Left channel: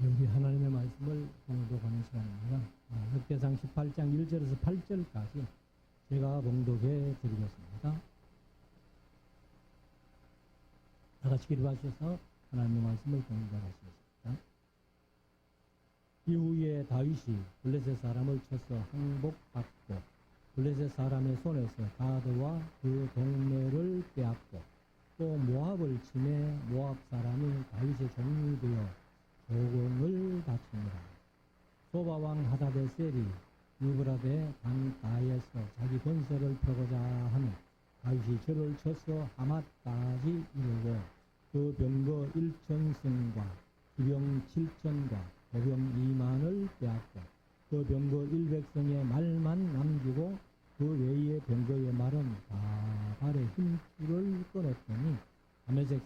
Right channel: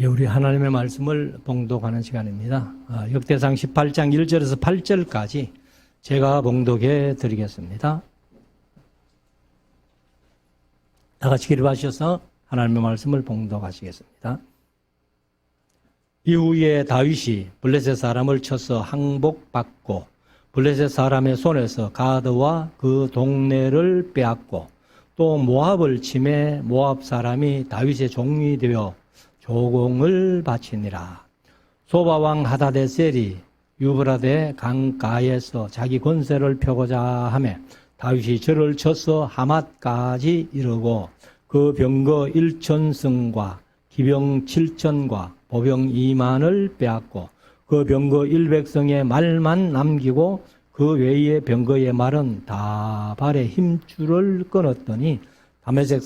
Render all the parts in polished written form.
예, 우리 하나님의 말씀을 봉독하는 시간입니다. 역대상 18장 1절에서 8절까지 제가 봉독해 드리겠습니다. 다 같이 기립하셔서 하나님의 말씀을 봉독하시겠습니다. 이후에 다윗이 블레셋 사람을 쳐서 항복받고 블레셋 사람의 손에서 가드와 그 동네를 빼앗고 또 모압을 치매 모압 사람이 다윗의 종이 되어 조공을 바치니라. 소바왕 하다데셀이 유브라데 강가에서 자기 권세를 펴고자 하매 다윗이 저를 쳐서 하맛까지 이르고 그 병거 1,000승과 기병 7,000과 보병 2만을 빼앗고 그 병거 100성의 말만 남기고 그 외의 병거의 말은 다 발에 힘줄을 끊었더니 다메섹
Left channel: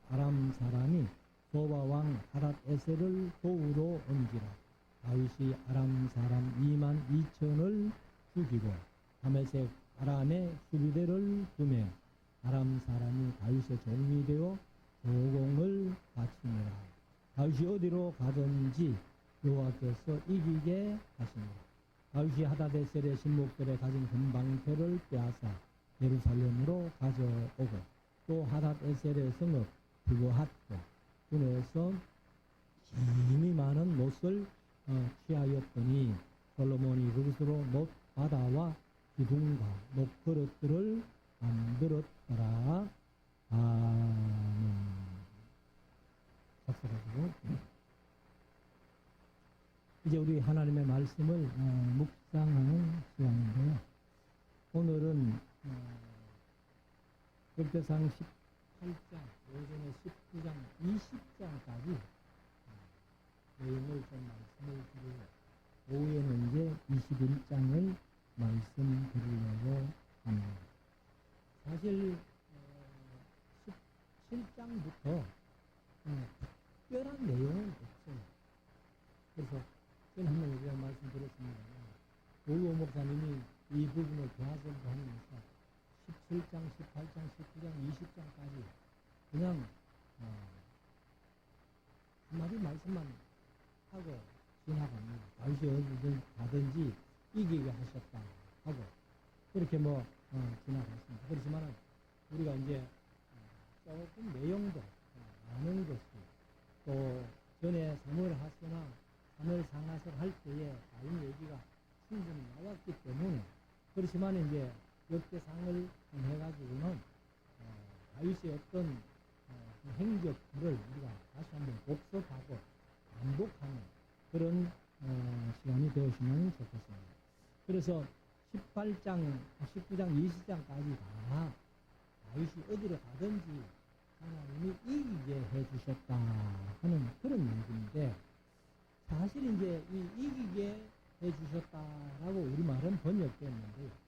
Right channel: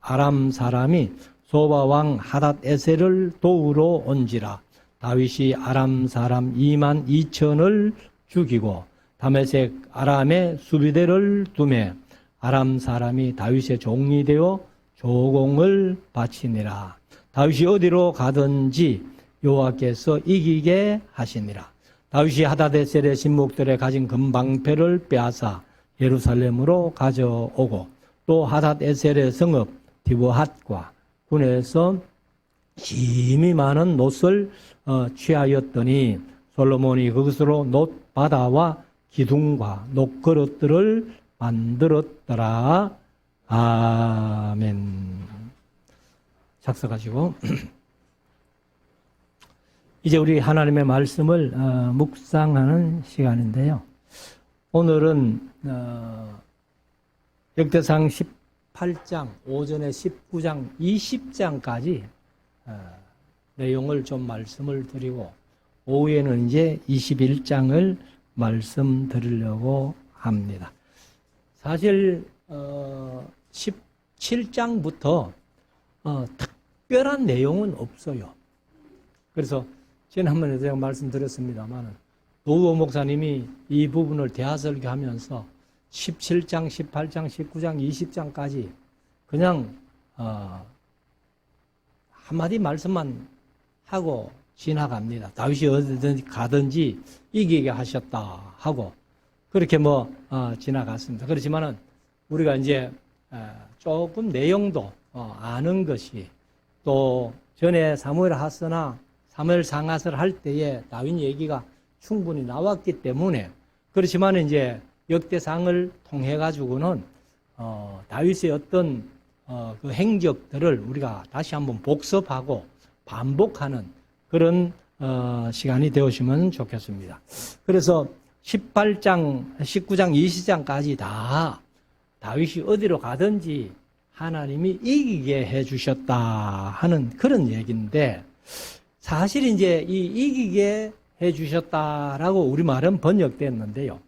아람 사람이 소바왕 하닷에셀을 도우러 온지라. 다윗이 아람 사람 2만 2천을 죽이고 다메섹 아람의 수비대를 두매 아람 사람이 다윗의 종이 되어 조공을 바치니라. 다윗이 어디로 가든지 여호와께서 이기게 하시니라. 다윗이 하닷에셀의 신목들에 가진 금방패를 빼앗아 예루살렘으로 가져오고 또 하닷에셀의 성읍 디브핫과 군에서 힘이 많은 놋을 취하였더니 솔로몬이 그것으로 놋바다와 기둥과 놋그릇들을 만들었더라. 아멘. 작성하시고 이제 우리 하나님의 말씀을 묵상하는 시간인데요. 오늘은 역대상 18장, 오전에 19장, 20장까지 내용을 좀 말씀을 드리고 오후에는 이제 21장을 말씀드리려고 합니다. 사실 17장부터 특별한 내용은 없어요. 그래서 지난번에 제가 말씀드렸습니다만 노우호 목사님이 이 부분을 대하설교하면서 17장, 18장, 19장, 20장까지 그냥 한마디 말씀만 하고 지나갑니다. 다윗이 어디든지 가든지 이기게 하셨다 하고 그렇게 지나갔습니다. 그렇지만은 우리가 이제 조금 내용도 아는 것이 또 전에 사무엘 하스나 사무엘 상하스를 할 때에 다윗 얘기가 충분히 나왔기 때문에 그렇지만 이제 역대상을 통해 가지고는 다윗의 어떤 그 행적들을 우리가 다시 한번 복습하고 반복하는 그런 시간이 되었으면 좋겠습니다. 그래서 18장, 19장, 20장까지 다 다윗이 어디로 가든지 하나님이 이기게 해주셨다 하는 그런 얘기인데 사실 이제 이 이기게 해주셨다라고 우리말은 번역됐는데요.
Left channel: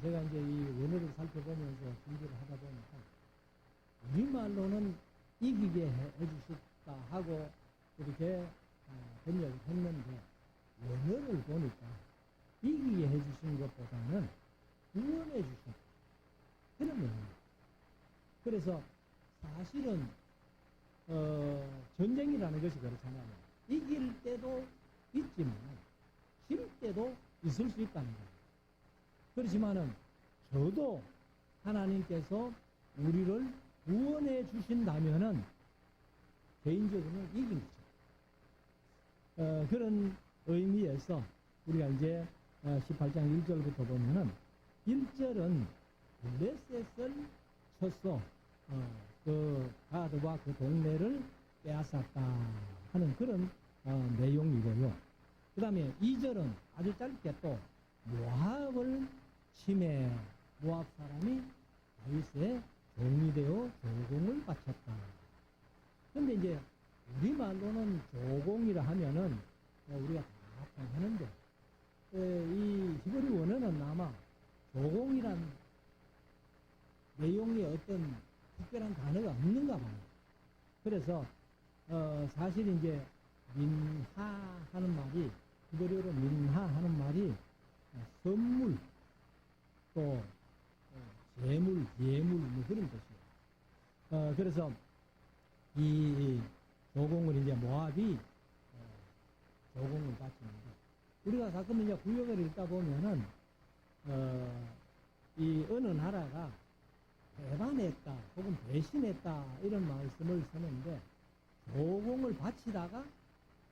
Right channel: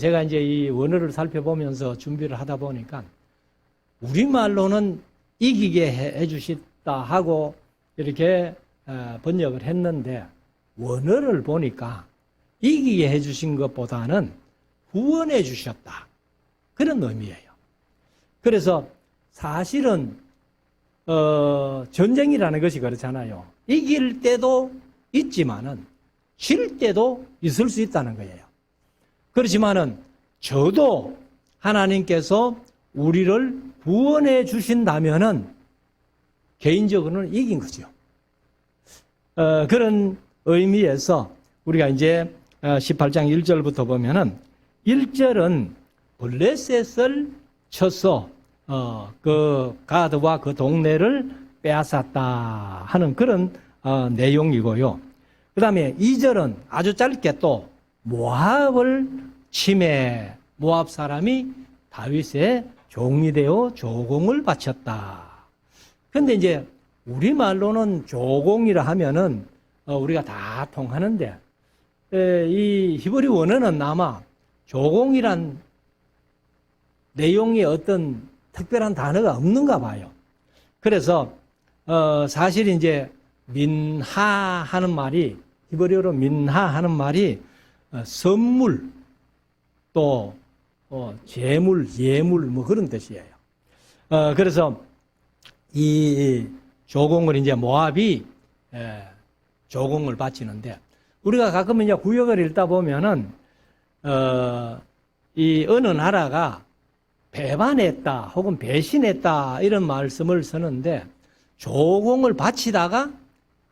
제가 이제 이 원어를 살펴보면서 준비를 하다 보니까 우리말로는 이기게 해주셨다 하고 이렇게 번역을 했는데 원어를 보니까 이기게 해주신 것보다는 구원해 주셨다 그런 의미예요. 그래서 사실은 전쟁이라는 것이 그렇잖아요. 이길 때도 있지만은 질 때도 있을 수 있다는 거예요. 그렇지만은 저도 하나님께서 우리를 구원해 주신다면은 개인적으로는 이긴 거죠. 그런 의미에서 우리가 이제 18장 1절부터 보면은 1절은 블레셋을 쳐서 그 가드와 그 동네를 빼앗았다 하는 그런 내용이고요. 그 다음에 2절은 아주 짧게 또 모압을 치매 모압 사람이 다윗의 종이 되어 조공을 바쳤다. 근데 이제 우리말로는 조공이라 하면은 우리가 다 통하는데 이 히브리 원어는 아마 조공이란 내용의 어떤 특별한 단어가 없는가 봐요. 그래서 사실 이제 민하 하는 말이 히브리어로 민하 하는 말이 선물 또 재물 예물 그런 뜻이에요. 그래서 이 조공을 이제 모압이 조공을 바치는데, 우리가 가끔 이제 구역을 읽다 보면은 이 어느 나라가 배반했다 혹은 배신했다 이런 말씀을 쓰는데, 조공을 바치다가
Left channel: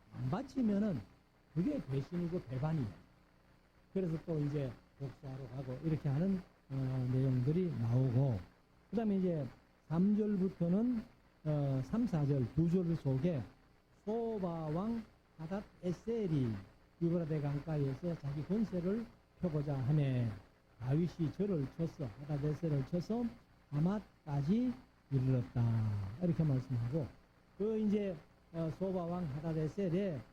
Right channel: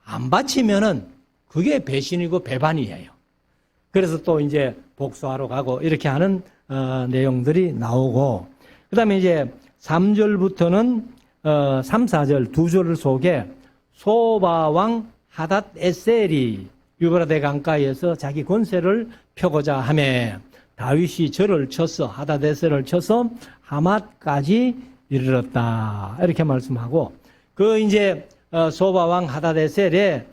안 바치면은 그게 배신이고 배반이에요. 그래서 또 이제 복수하러 가고 이렇게 하는 내용들이 나오고, 그 다음에 이제 3절부터는 3, 4절 두 절 속에 소바왕 하닷 에셀이 유브라데 강가에서 자기 권세를 펴고자 하매 다윗이 절을 쳐서 하닷 에셀을 쳐서 하맛까지 이르렀다, 이렇게 말씀하고, 그 이제 소바왕 하닷 에셀의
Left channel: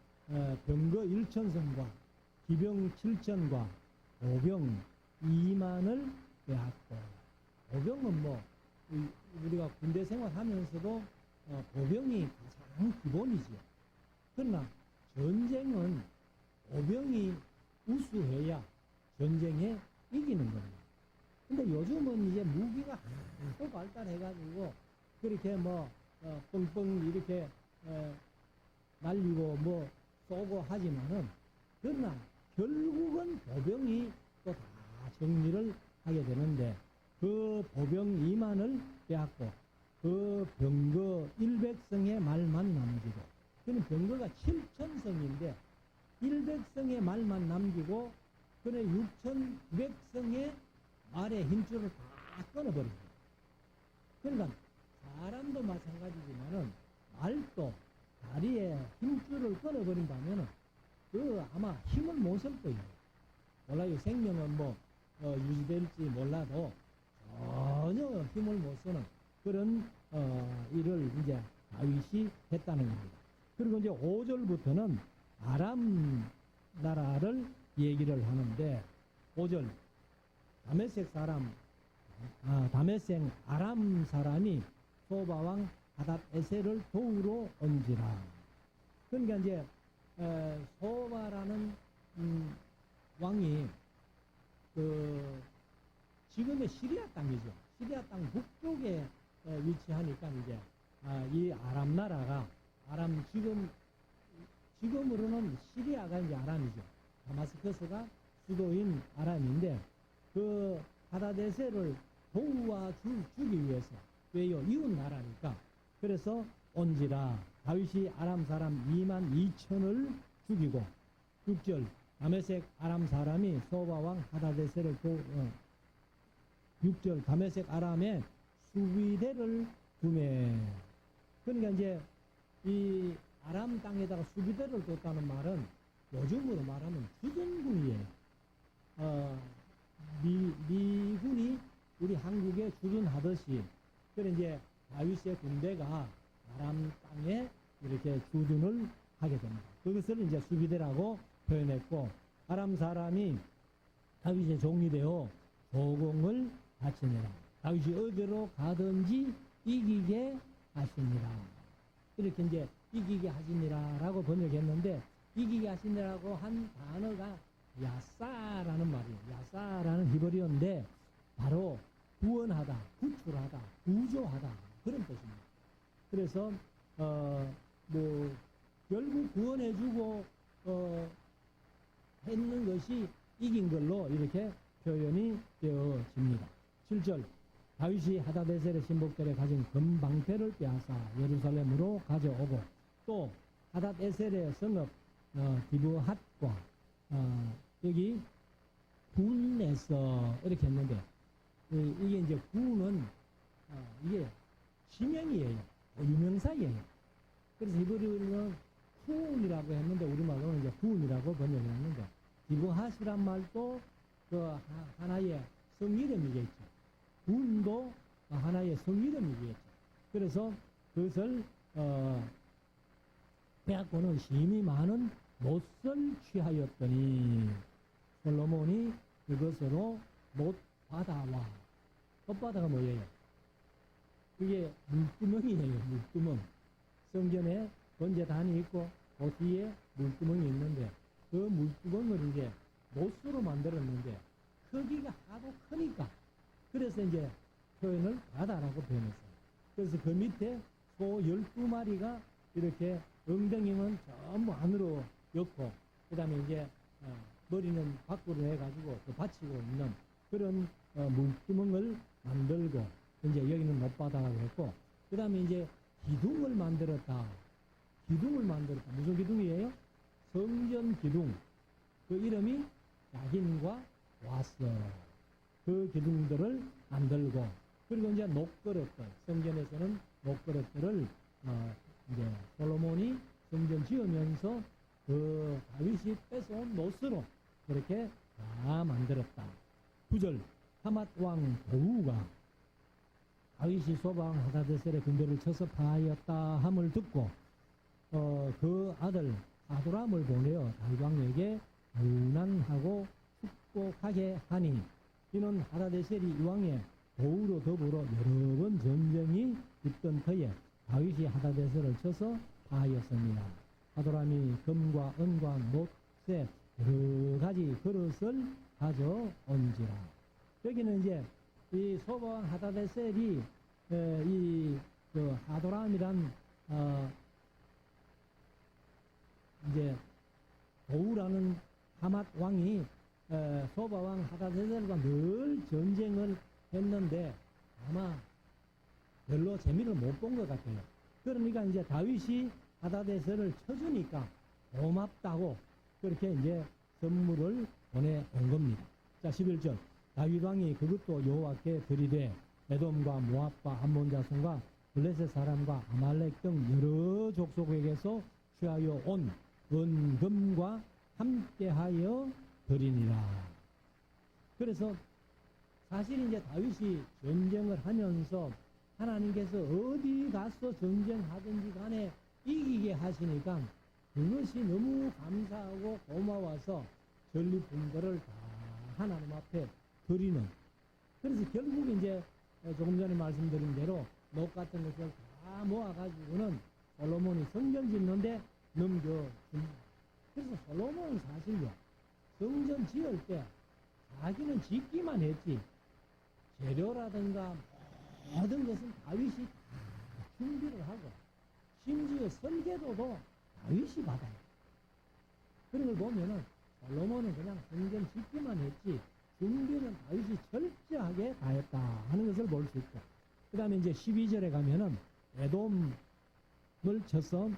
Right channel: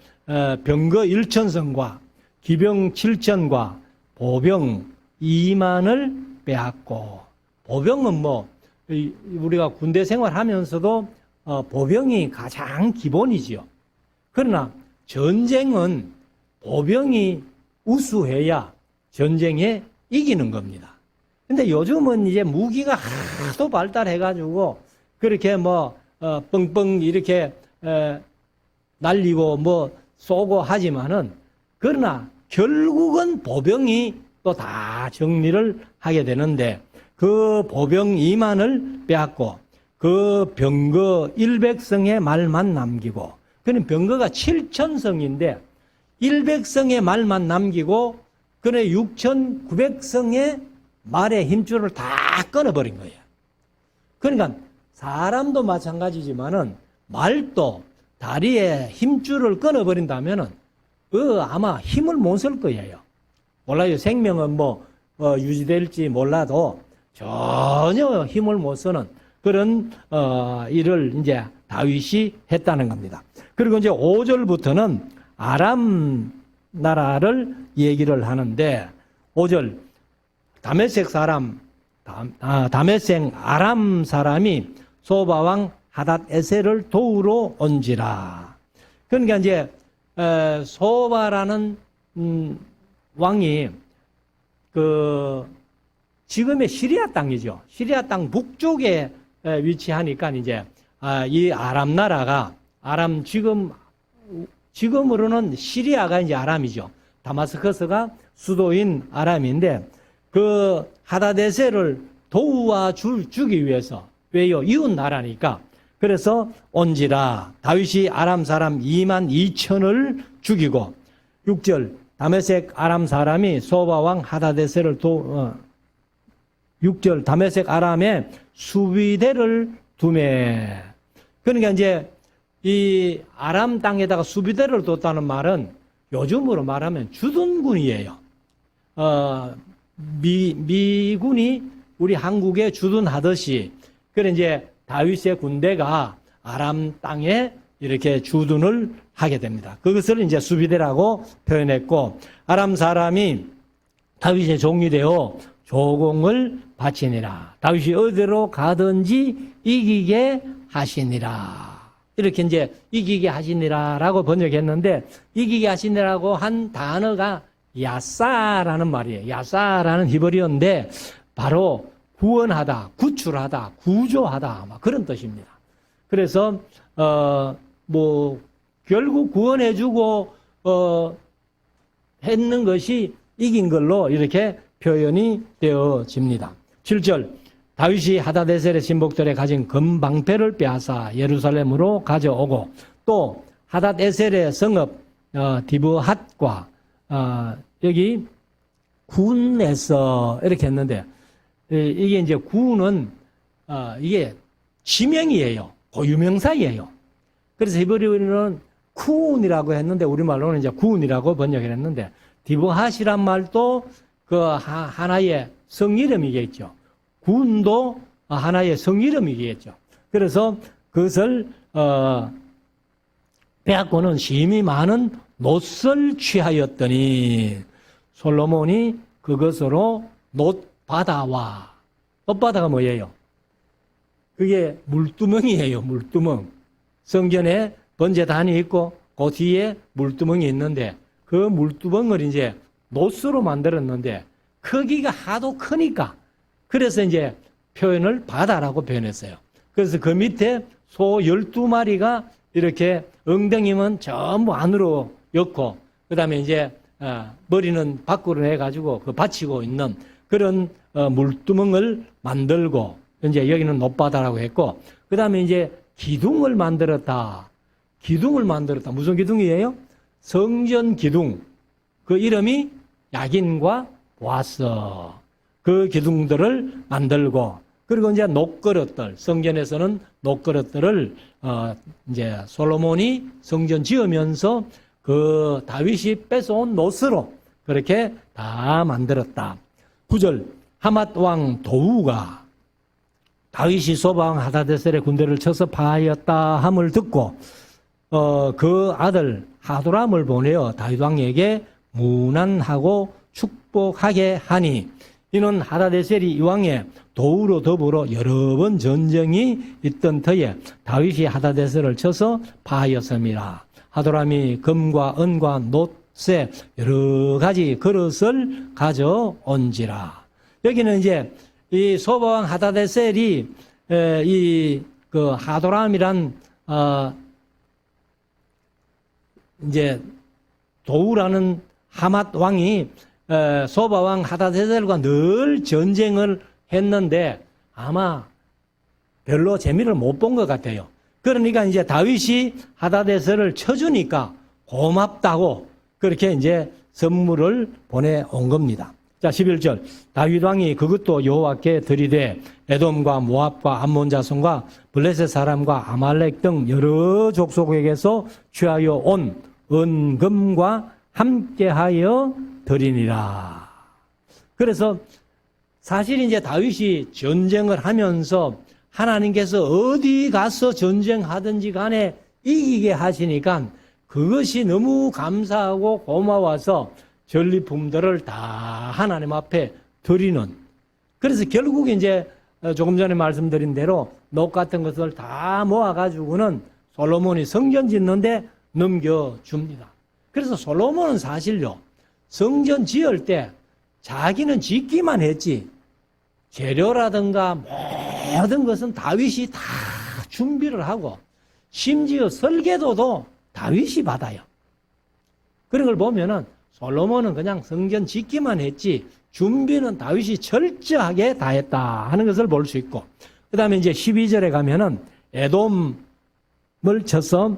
병거 1,000성과 기병 7,000과 보병 2만을 빼앗고, 보병은 뭐 우리가 군대 생활하면서도 보병이 가장 기본이지요. 그러나 전쟁은 보병이 우수해야 전쟁에 이기는 겁니다. 근데 요즘은 이제 무기가 하도 발달해가지고 그렇게 뭐 뻥뻥 이렇게 날리고 뭐 쏘고 하지만은, 그러나 결국은 보병이 또 다 정리를 하게 되는데, 그 보병 2만을 빼앗고 그 병거 100성의 말만 남기고, 그는 병거가 7,000성인데 100성의 말만 남기고 그는 6,900성의 말의 힘줄을 다 끊어버린 거예요. 그러니까 사람도 마찬가지지만은 말도 다리에 힘줄을 끊어버린다면은 아마 힘을 못 쓸 거예요. 몰라요. 생명은 뭐 유지될지 몰라도 전혀 힘을 못 쓰는 그런 일을 이제 다윗이 했다는 겁니다. 그리고 이제 5절부터는 아람 나라를 얘기를 하는데, 5절 다메섹 사람, 다메섹 아람 사람이 소바왕 하닷 에셀을 도우러 온지라. 그러니까 이제 소바라는 왕이 그 지금의 시리아 땅이죠. 시리아 땅 북쪽에 위치하니까 이제 이 아람 나라가, 아람 지금으로는 시리아가 이제 아람이죠. 다마스커스가 수도인 아람인데, 그 하다데셀을 도와주기 위해서, 왜요? 이웃 나라니까. 그래서 온지라 다윗이 아람 사람 2만 2천을 죽이고, 6절 다메섹 아람 사람이 소바왕 하다데셀을 6절 다메섹 아람에 수비대를 두매. 그러니까 이제 이 아람 땅에다가 수비대를 뒀다는 말은 요즘으로 말하면 주둔군이에요. 미군이 우리 한국에 주둔하듯이, 그래 이제 다윗의 군대가 아람 땅에 이렇게 주둔을 하게 됩니다. 그것을 이제 수비대라고 표현했고, 아람 사람이 다윗의 종이 되어 조공을 바치니라. 다윗이 어디로 가든지 이기게 하시니라. 이렇게 이제 이기게 하시니라라고 번역했는데, 이기게 하시니라고 한 단어가 야사라는 말이에요. 야사라는 히브리어인데 바로 구원하다, 구출하다, 구조하다, 막 그런 뜻입니다. 그래서 뭐 결국 구원해주고 했는 것이 이긴 걸로 이렇게 표현이 되어집니다. 7절 다윗이 하다데셀의 신복들의 가진 금방패를 빼앗아 예루살렘으로 가져오고, 또 하닷에셀의 성읍 디브핫과 여기 군에서 이렇게 했는데, 이게 이제 군은 이게 지명이에요. 고유명사이에요. 그래서 히브리어는 쿤이라고 했는데 우리말로는 이제 군이라고 번역을 했는데, 디브핫이란 말도 그 하나의 성이름이겠죠. 군도 하나의 성이름이겠죠. 그래서 그것을 빼앗고는 심히 많은 놋을 취하였더니 솔로몬이 그것으로 놋바다와, 놋바다가 뭐예요? 그게 물두멍이에요. 물두멍. 성전에 번제단이 있고 그 뒤에 물두멍이 있는데, 그 물두멍을 이제 놋으로 만들었는데 크기가 하도 크니까, 그래서 이제 표현을 바다라고 표현했어요. 그래서 그 밑에 소 12마리가 이렇게 엉덩이는 전부 안으로 엮고 그다음에 이제 머리는 밖으로 해가지고 그 받치고 있는 그런 물두멍을 만들고 이제 여기는 높바다라고 했고 그다음에 이제 기둥을 만들었다. 기둥을 만들었다. 무슨 기둥이에요? 성전 기둥. 그 이름이 야긴과 보아스. 그 기둥들을 만들고 그리고 이제 녹그릇들 성전에서는 녹그릇들을 이제 솔로몬이 성전 지으면서 그 다윗이 뺏어온 노스로 그렇게 다 만들었다. 9절 하맛 왕 도우가 다윗이 소방 하다데셀의 군대를 쳐서 파하였다 함을 듣고 그 아들 하도람을 보내어 다윗 왕에게 문안하고 축복하게 하니 이는 하다데셀이 이왕에 도우로 더불어 여러 번 전쟁이 있던 터에 다윗이 하다데셀을 쳐서 파하였습니다. 하도람이 금과 은과 놋새 여러 가지 그릇을 가져온지라. 여기는 이제 이 소바왕 하다데셀이 이 그 하도람이란 이제 도우라는 하맛 왕이 소바왕 하다데셀과 늘 전쟁을 했는데 아마 별로 재미를 못 본 것 같아요. 그러니까 이제 다윗이 하다데셀을 쳐주니까 고맙다고 그렇게 이제 선물을 보내온 겁니다. 자, 11절. 다윗 왕이 그것도 여호와께 드리되 에돔과 모압과 암몬 자손과 블레셋 사람과 아말렉 등 여러 족속에게서 취하여 온 은금과 함께하여 드리니라. 그래서 사실 이제 다윗이 전쟁을 하면서 하나님께서 어디 가서 전쟁하든지 간에 이기게 하시니까 그것이 너무 감사하고 고마워서 전리품들을 다 하나님 앞에 드리는. 그래서 결국 이제 조금 전에 말씀드린 대로 녹 같은 것을 다 모아가지고는 솔로몬이 성전 짓는데 넘겨줍니다. 그래서 솔로몬은 사실요, 성전 지을 때 자기는 짓기만 했지, 재료라든가 모든 것은 다윗이 다 준비를 하고, 심지어 설계도도 다윗이 받아요. 그런 걸 보면은 솔로몬은 그냥 성전 짓기만 했지, 준비는 다윗이 철저하게 다 했다 하는 것을 볼 수 있고, 그 다음에 이제 12절에 가면은 에돔을 쳐서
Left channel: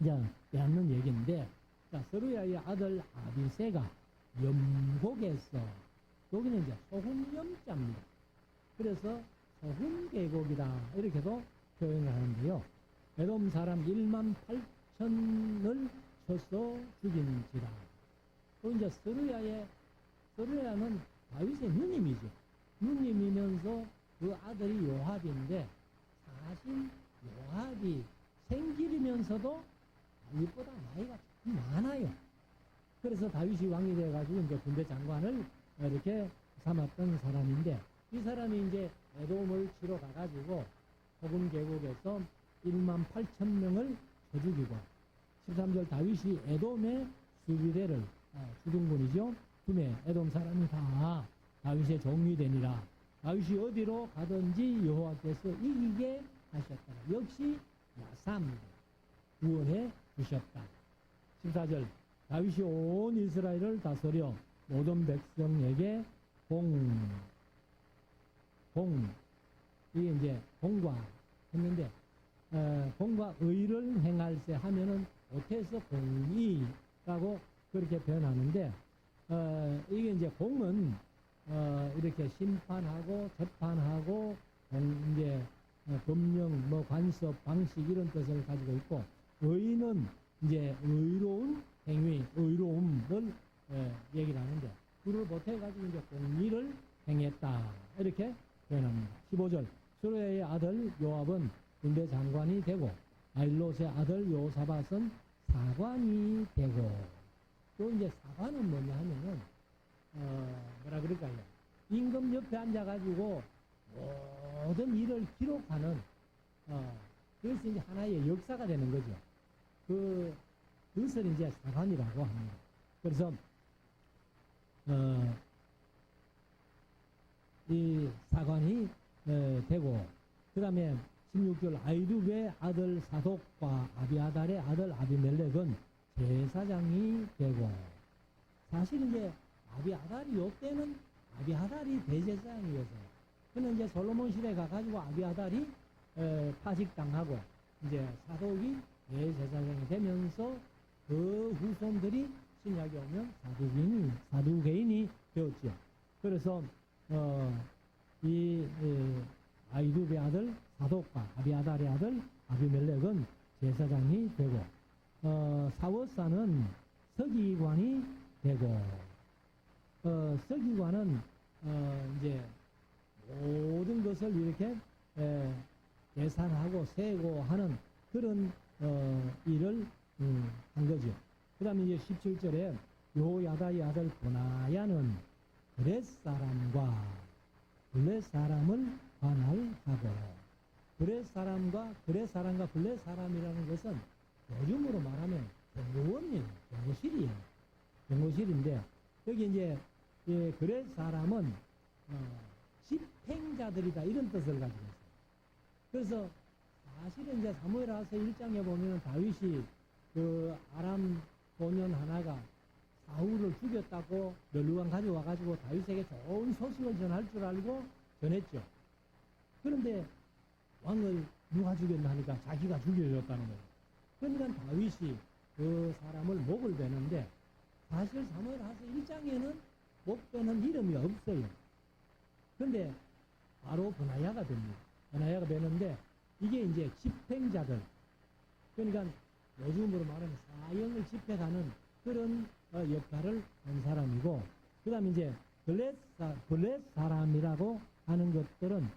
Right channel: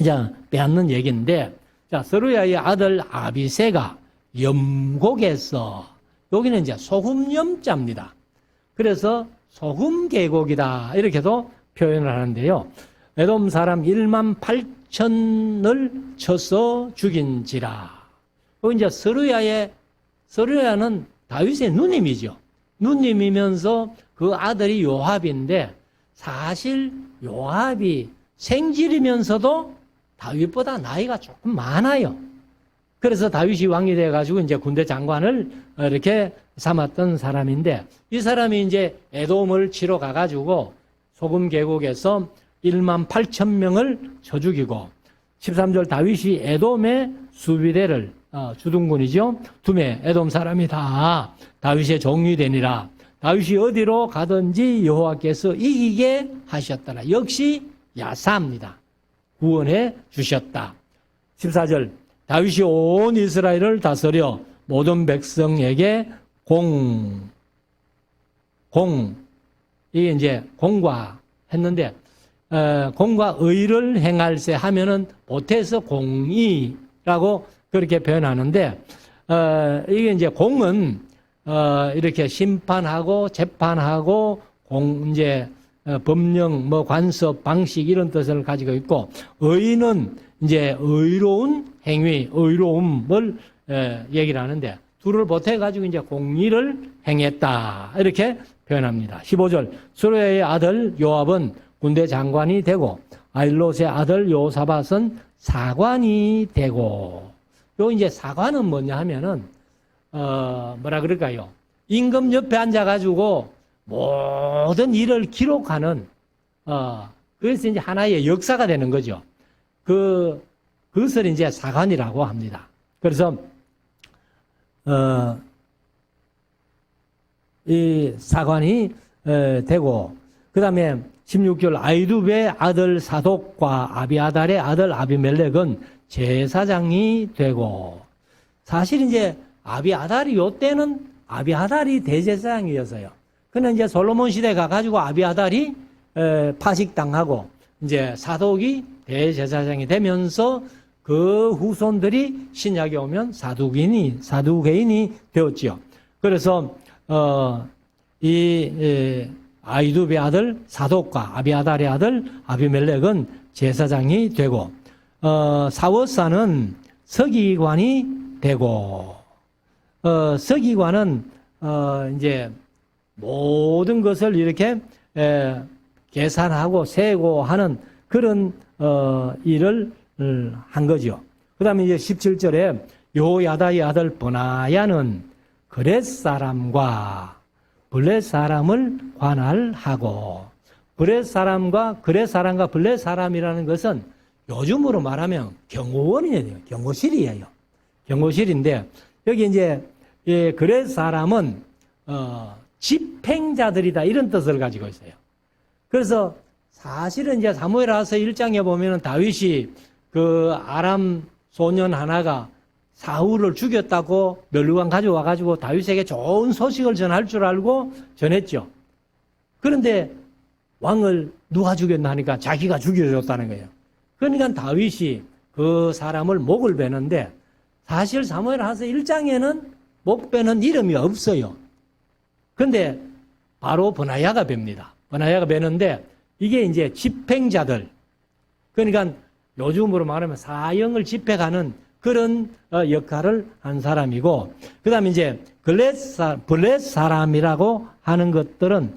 이제 빼앗는 얘기인데, 자, 스루야의 아들 아비새가 염곡에서, 여기는 이제 소금염자입니다. 그래서 소금 계곡이다 이렇게도 표현을 하는데요. 에돔 사람 1만 8천을 쳐서 죽인지라. 이제 스루야는 다윗의 누님이죠. 누님이면서 그 아들이 요압인데, 사실 요압이 생질이면서도 다윗보다 나이가 조금 많아요. 그래서 다윗이 왕이 돼가지고 이제 군대 장관을 이렇게 삼았던 사람인데, 이 사람이 이제 에돔을 치러 가가지고 소금 계곡에서 1만 8천 명을 쳐 죽이고, 13절 다윗이 에돔의 수비대를 주둔군이죠. 두매 에돔 사람이 다 다윗의 종이 되니라. 다윗이 어디로 가든지 여호와께서 이기게 하셨더라. 역시 야사입니다. 구원해 주셨다. 14절 다윗이 온 이스라엘을 다스려 모든 백성에게 이게 이제 공과했는데, 공과 의를 행할세 하면은 보태서 공의라고 그렇게 표현하는데, 이게 이제 공은 이렇게 심판하고 재판하고 이제 법령, 관습, 방식 이런 뜻을 가지고 있고, 의는 이제 의로운 행위, 의로움을 얘기를 하는데, 둘을 보태가지고 이제 공의를 행했다 이렇게 표현합니다. 15절 스루야의 아들 요압은 군대 장관이 되고, 아일롯의 아들 요사밧은 사관이 되고. 요 이제 사관은 뭐냐 하면은 뭐라 그럴까요? 임금 옆에 앉아가지고 모든 일을 기록하는 그래서 이제 하나의 역사가 되는 거죠. 그것을 이제 사관이라고 합니다. 그래서 이 사관이 되고, 그 다음에 16절 아이두베의 아들 사독과 아비아달의 아들 아비멜렉은 제사장이 되고, 사실 이제 아비아달이 요때는 아비아달이 대제사장이었어요. 근데 이제 솔로몬 시대 가가지고 아비아달이 파직당하고 이제 사독이 대제사장이 되면서 그 후손들이 신약에 오면 사두개인이 되었지요. 그래서 아이두베의 아들 사독과 아비아달의 아들 아비멜렉은 제사장이 되고, 사워사는 서기관이 되고, 서기관은 이제 모든 것을 이렇게 계산하고 세고 하는 그런 일을 한 거죠. 그 다음에 이제 17절에 요야다의 아들 버나야는 그렛 사람과 블렛 사람을 관할하고, 블렛 사람과 블렛 사람이라는 것은 요즘으로 말하면 경호원이에요. 경호실이에요. 경호실인데, 여기 이제 그렛 사람은 집행자들이다 이런 뜻을 가지고 있어요. 그래서 사실은 이제 사무엘하서 1장에 보면은 다윗이 그 아람 소년 하나가 사울을 죽였다고 멸류관 가져와 가지고 다윗에게 좋은 소식을 전할 줄 알고 전했죠. 그런데 왕을 누가 죽였나 하니까 자기가 죽여줬다는 거예요. 그러니까 다윗이 그 사람을 목을 베는데, 사실 사무엘하서 1장에는 목 베는 이름이 없어요. 근데 바로 버나야가 뵭니다. 버나야가 베는데, 이게 이제 집행자들, 그러니까 요즘으로 말하면 사형을 집행하는 그런 역할을 한 사람이고, 그 다음에 이제 블렛 사람이라고 하는 것들은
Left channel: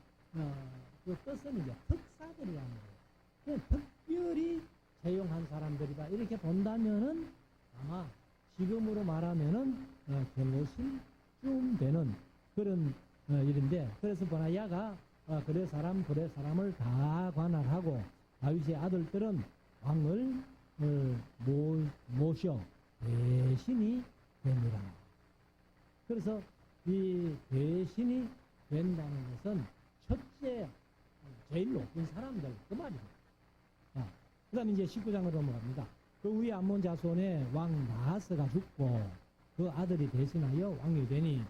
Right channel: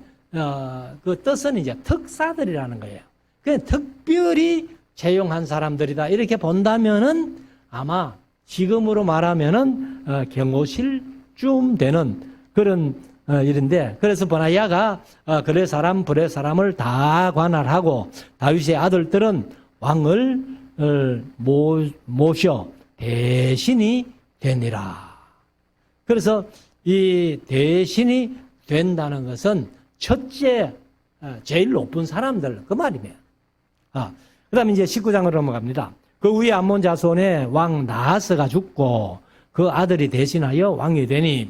그 뜻은 이제 특사들이라는 거예요. 그냥 특별히 채용한 사람들이다 이렇게 본다면은 아마 지금으로 말하면은 경호실쯤 되는 그런 일인데, 그래서 버나야가 블렛 사람을 다 관할하고, 다윗의 아들들은 왕을 모셔 대신이 되니라. 그래서 이 대신이 된다는 것은 첫째, 제일 높은 사람들, 그 말이에요. 그 다음에 이제 19장으로 넘어갑니다. 그 후에 암몬 자손의 왕 나하스가 죽고 그 아들이 대신하여 왕이 되니,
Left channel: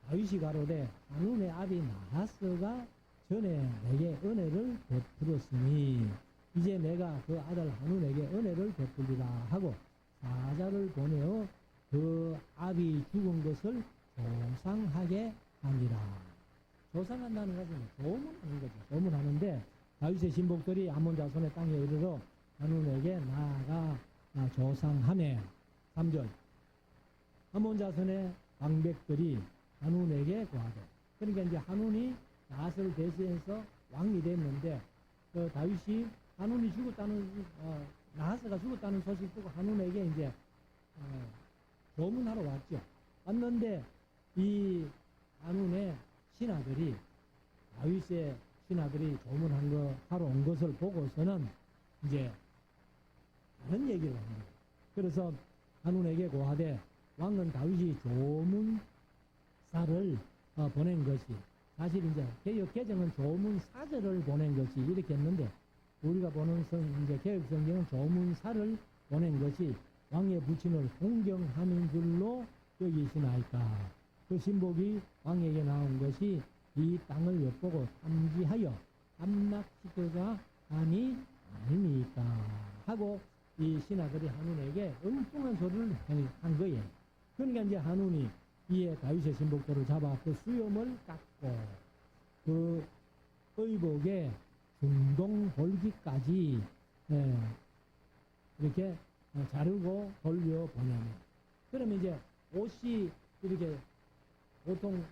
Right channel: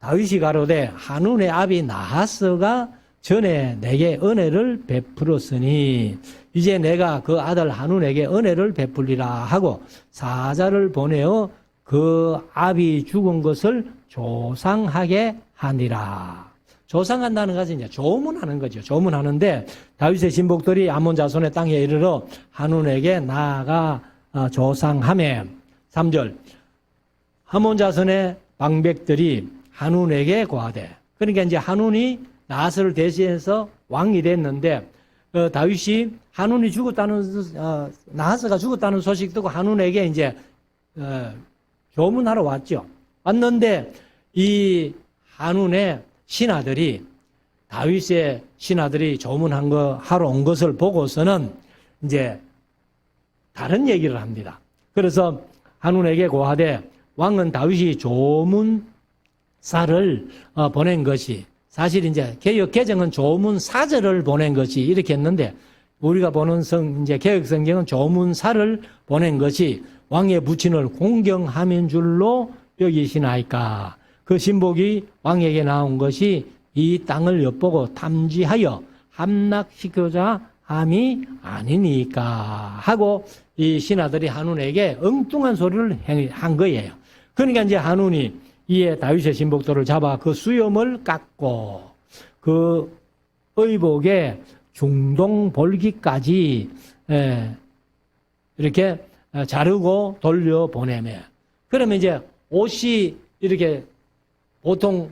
다윗이 가로되 한운의 아비 나하스가 전에 내게 은혜를 베풀었으니 이제 내가 그 아들 한운에게 은혜를 베풀리라 하고 사자를 보내어 그 아비 죽은 것을 조상하게 하니라. 조상한다는 것은 이제 조문하는 거죠. 조문하는데, 다윗의 신복들이 암몬 자손의 땅에 이르러 한운에게 나아가 조상하매, 3절 암몬 자손의 방백들이 한운에게 고하되, 그러니까 이제 한운이 나하스를 대신해서 왕이 됐는데, 다윗이 한운이 죽었다는 나하스가 죽었다는 소식 듣고 한운에게 이제 조문하러 왔죠. 왔는데 이 한운의 신하들이, 다윗의 신하들이 조문한 거 하러 온 것을 보고서는 이제 다른 얘기를 합니다. 그래서 한운에게 고하되 왕은 다윗이 조문사를 보낸 것이, 사실 이제 개역 개정은 조문사절을 보낸 것이 이렇게 했는데, 우리가 보는 이제 개역 성경은 조문사를 보낸 것이 왕의 부친을 공경함인 줄로 여기시나이까. 그 신복이 왕에게 나온 것이 이 땅을 엿보고 탐지하여 함락시키고자 함이 아니니까 하고, 이 신하들이 한운에게 엉뚱한 소리를 한 거예요. 그러니까 이제 한운이 이에 다윗의 신복들을 잡아 그 수염을 깎고 그 의복의 중동 볼기까지 이렇게 자르고 돌려보내며, 그러면 이제 옷이 이렇게, 보통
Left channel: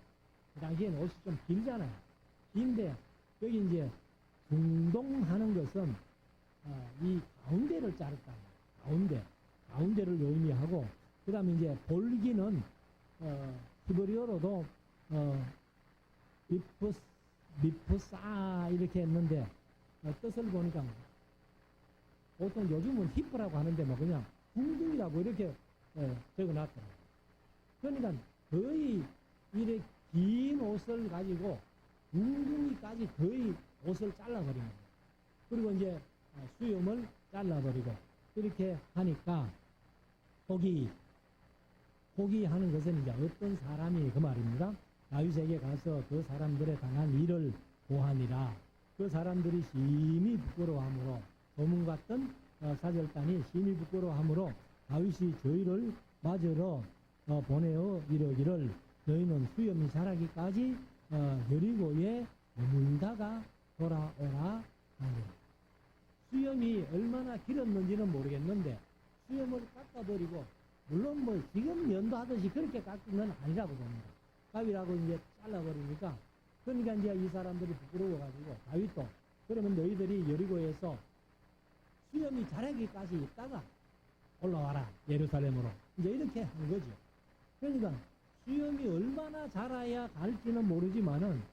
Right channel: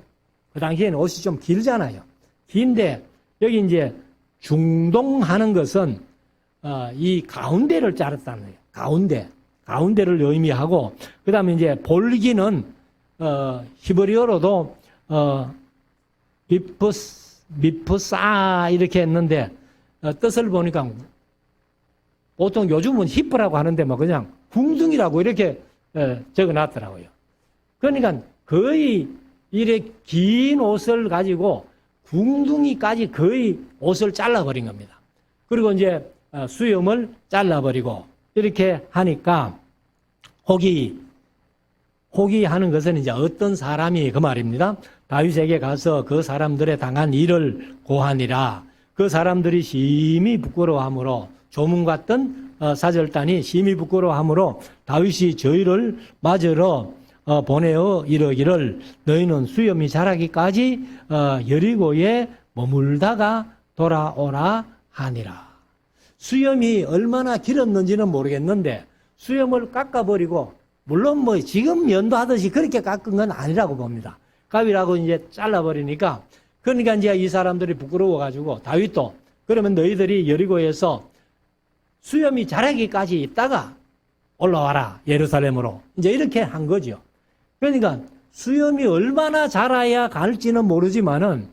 그 당시에는 옷이 좀 길잖아요. 긴데 여기 이제 중동하는 것은 이 가운데를 자랐다는 거예요. 가운데를 의미하고, 그 다음에 이제 볼기는 히브리어로도 미프사 이렇게 했는데, 뜻을 보니까 보통 요즘은 히프라고 하는데 뭐 그냥 궁둥이라고 이렇게 적어놨더라고요. 그러니까 거의 이렇게 긴 옷을 가지고 궁둥이까지 거의 옷을 잘라버린 겁니다. 그리고 이제 수염을 잘라버리고 이렇게 하니까 혹이 하는 것은 이제 어떤 사람이 그 말입니다. 다윗에게 가서 그 사람들의 당한 일을 고하니라. 그 사람들이 심히 부끄러워하므로 조문 같던 사절단이 심히 부끄러워하므로 다윗이 저희를 맞으러 보내어 이르기를 너희는 수염이 자라기까지 여리고에 머물다가 돌아오라 하니라. 수염이 얼마나 길었는지는 모르겠는데 수염을 깎아버리고 물론 뭐 지금 연도하듯이 그렇게 깎은 건 아니라고 봅니다. 가위라고 이제 잘라버리니까 그러니까 이제 이 사람들이 부끄러워가지고 다윗도 그러면 너희들이 여리고에서 수염이 자라기까지 있다가 올라와라 예루살렘으로 이제 이렇게 한 거죠. 그러니까 수염이 얼마나 자라야 갈지는 모르지만은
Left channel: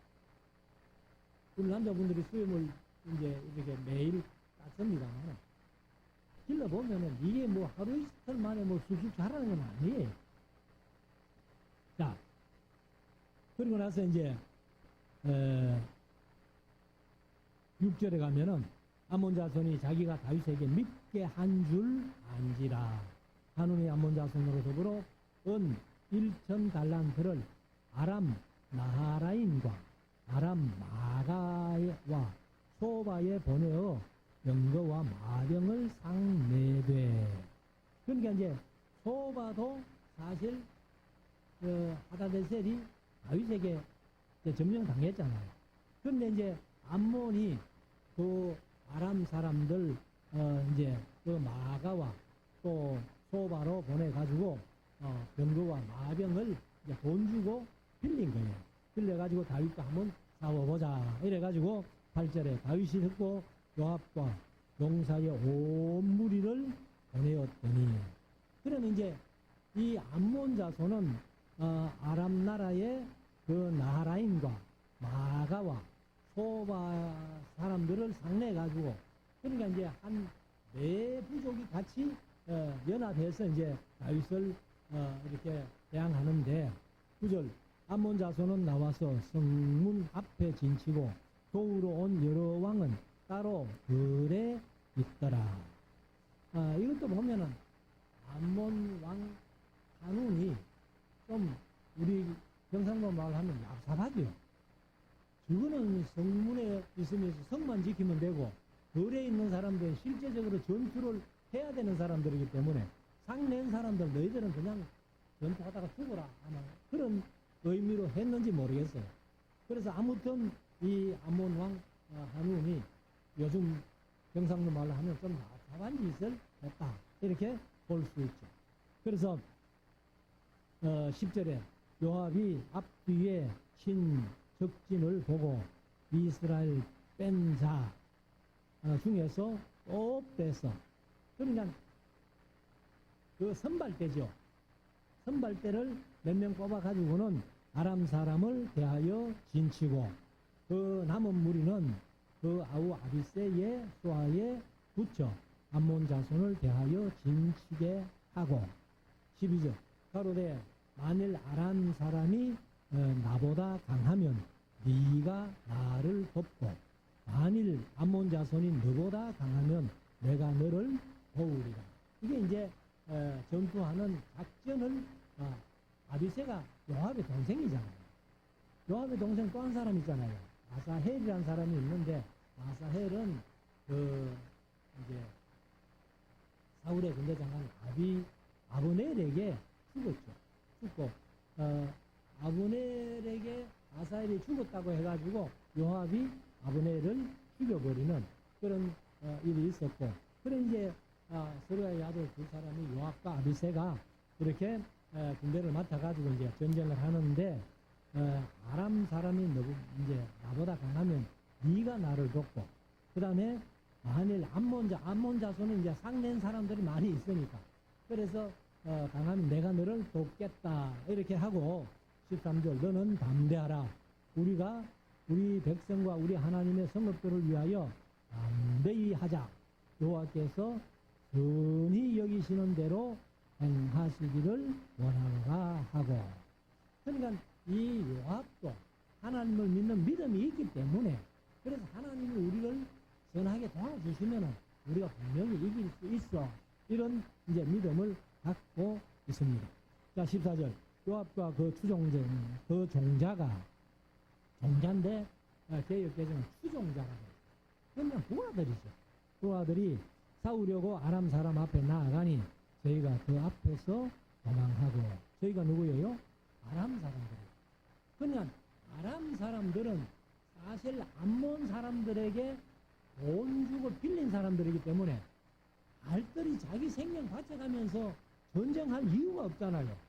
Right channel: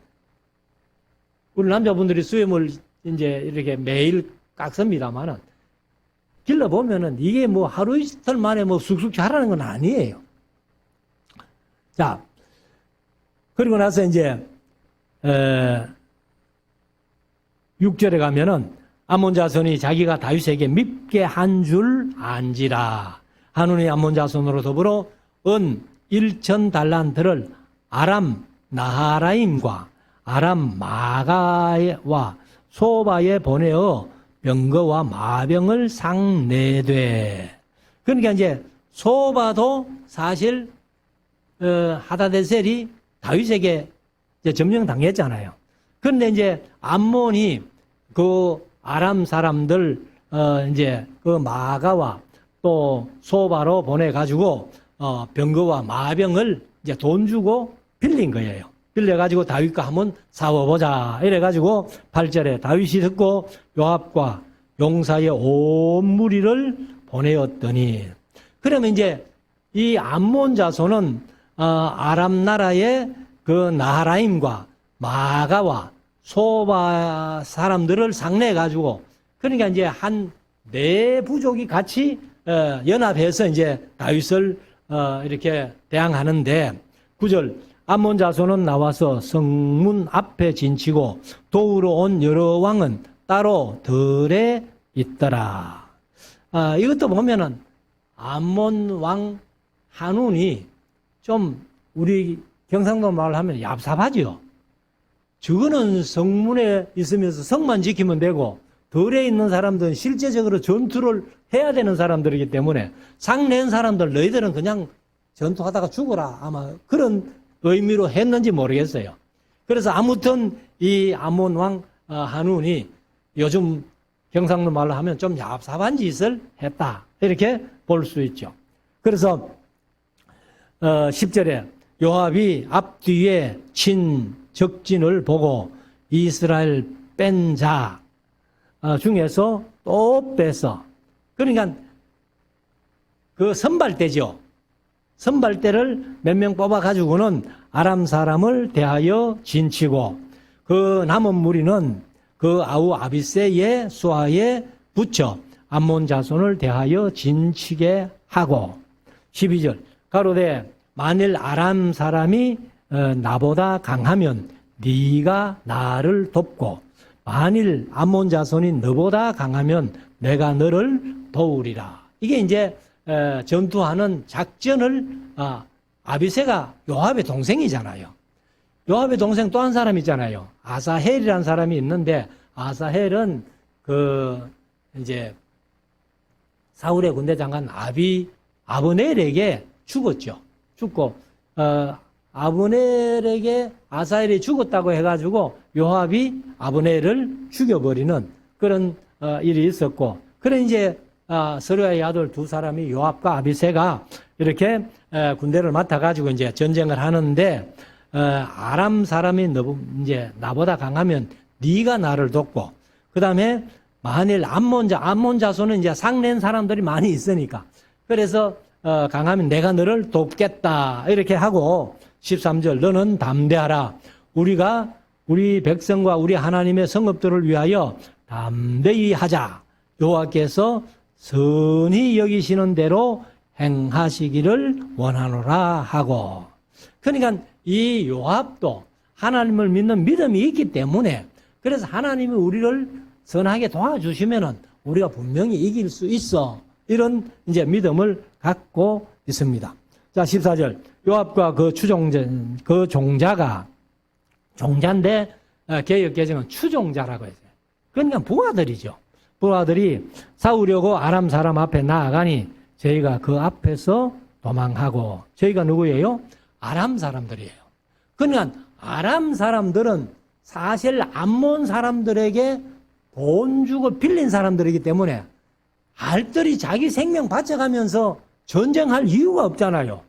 우리 남자분들이 수염을 이제 이렇게 매일 깎습니다만은 길러 보면은 이게 뭐 하루 이틀 만에 뭐 쑥쑥 자라는 건 아니에요. 자, 그리고 나서 이제 6절에 가면은 암몬 자손이 자기가 다윗에게 밉게 한 줄 안지라. 한운이 암몬 자손으로 더불어 은 1,000달란트를 아람 나하라임과 아람 마가와 소바에 보내어 병거와 마병을 상내되. 그러니까 이제 소바도 사실 하다데셀이 다윗에게 이제 점령당했잖아요. 그런데 이제 암몬이 그 아람 사람들 이제 그 마가와 또 소바로 보내 가지고 병거와 마병을 이제 돈 주고 빌린 거예요. 빌려가지고 다윗과 한번 싸워보자. 이래가지고 8절에 다윗이 듣고 요압과 용사의 온 무리를 보내었더니. 그러면 이제 이 암몬 자손은 아람 나라의 그 나하라임과 마가와 소바 사람들을 상내해가지고 그러니까 이제 한 네 부족이 같이 연합해서 이제 다윗을 이렇게 대항하는데 9절 암몬 자손은 나와서 성문 앞에 진치고 도우러 온 여러 왕은 따로 들에 있더라. 이것도 보면은 암몬 왕 한운이 좀 우리 경상도 말을 하면 얍삽하죠. 저거는 성문에 있으면서 성만 지키면 되고 들에 있는 사람들은 실제적으로 전투를 해야 되는 사람들이기 때문에 상낸 사람들 너희들은 그냥 전투하다가 죽어라 아마 그런 의미로 했는지 모르겠어요. 그래서 아무튼 이 암몬 왕 한운이 요즘 경상도 말로 하면 좀 얍삽한 짓을 했다 이렇게 볼 수 있죠. 그래서 10절에 요압이 앞뒤에 친 적진을 보고 이스라엘 뺀 자 중에서 또 빼서 그러니까 그 선발대죠. 선발대를 몇 명 뽑아가지고는 아람 사람을 대하여 진치고 그 남은 무리는 그 아우 아비새의 수하에 붙여 암몬 자손을 대하여 진치게 하고 12절 가로되 만일 아람 사람이 나보다 강하면 네가 나를 돕고 만일 암몬 자손이 너보다 강하면 내가 너를 도우리라. 이게 이제 전투하는 작전을 아비새가 요압의 동생이잖아요. 요압의 동생 또 한 사람 있잖아요. 아사헬이라는 사람이 있는데 아사헬은 그 이제 사울의 군대 장관 아브넬에게 죽었죠. 죽고 아브넬에게 아사헬이 죽었다고 해가지고 요압이 아브넬을 죽여버리는 그런 일이 있었고, 그래 이제 서루야의 아들 두 사람이 요압과 아비새가 이렇게 군대를 맡아가지고 이제 전쟁을 하는데 아람 사람이 이제 나보다 강하면 네가 나를 돕고, 그 다음에 만일 암몬 자손은 이제 상낸 사람들이 많이 있으니까 그래서 강하면 내가 너를 돕겠다 이렇게 하고 13절 너는 담대하라. 우리 백성과 우리 하나님의 성읍들을 위하여 담대히 하자. 여호와께서 선히 여기시는 대로 행하시기를 원하노라 하고. 그러니까 이 요압도 하나님을 믿는 믿음이 있기 때문에 그래서 하나님이 우리를 선하게 도와주시면은 우리가 분명히 이길 수 있어. 이런 이제 믿음을 갖고 있습니다. 자, 14절. 요압과 그 종자가, 종자인데, 개역개정은 추종자라고 했어요. 그러니까 부하들이죠. 부하들이 싸우려고 아람 사람 앞에 나아가니 저희가 그 앞에서 도망하고, 저희가 누구예요? 아람 사람들이에요. 그러니까 아람 사람들은 사실 암몬 사람들에게 돈 주고 빌린 사람들이기 때문에 알뜰히 자기 생명 바쳐가면서 전쟁할 이유가 없잖아요.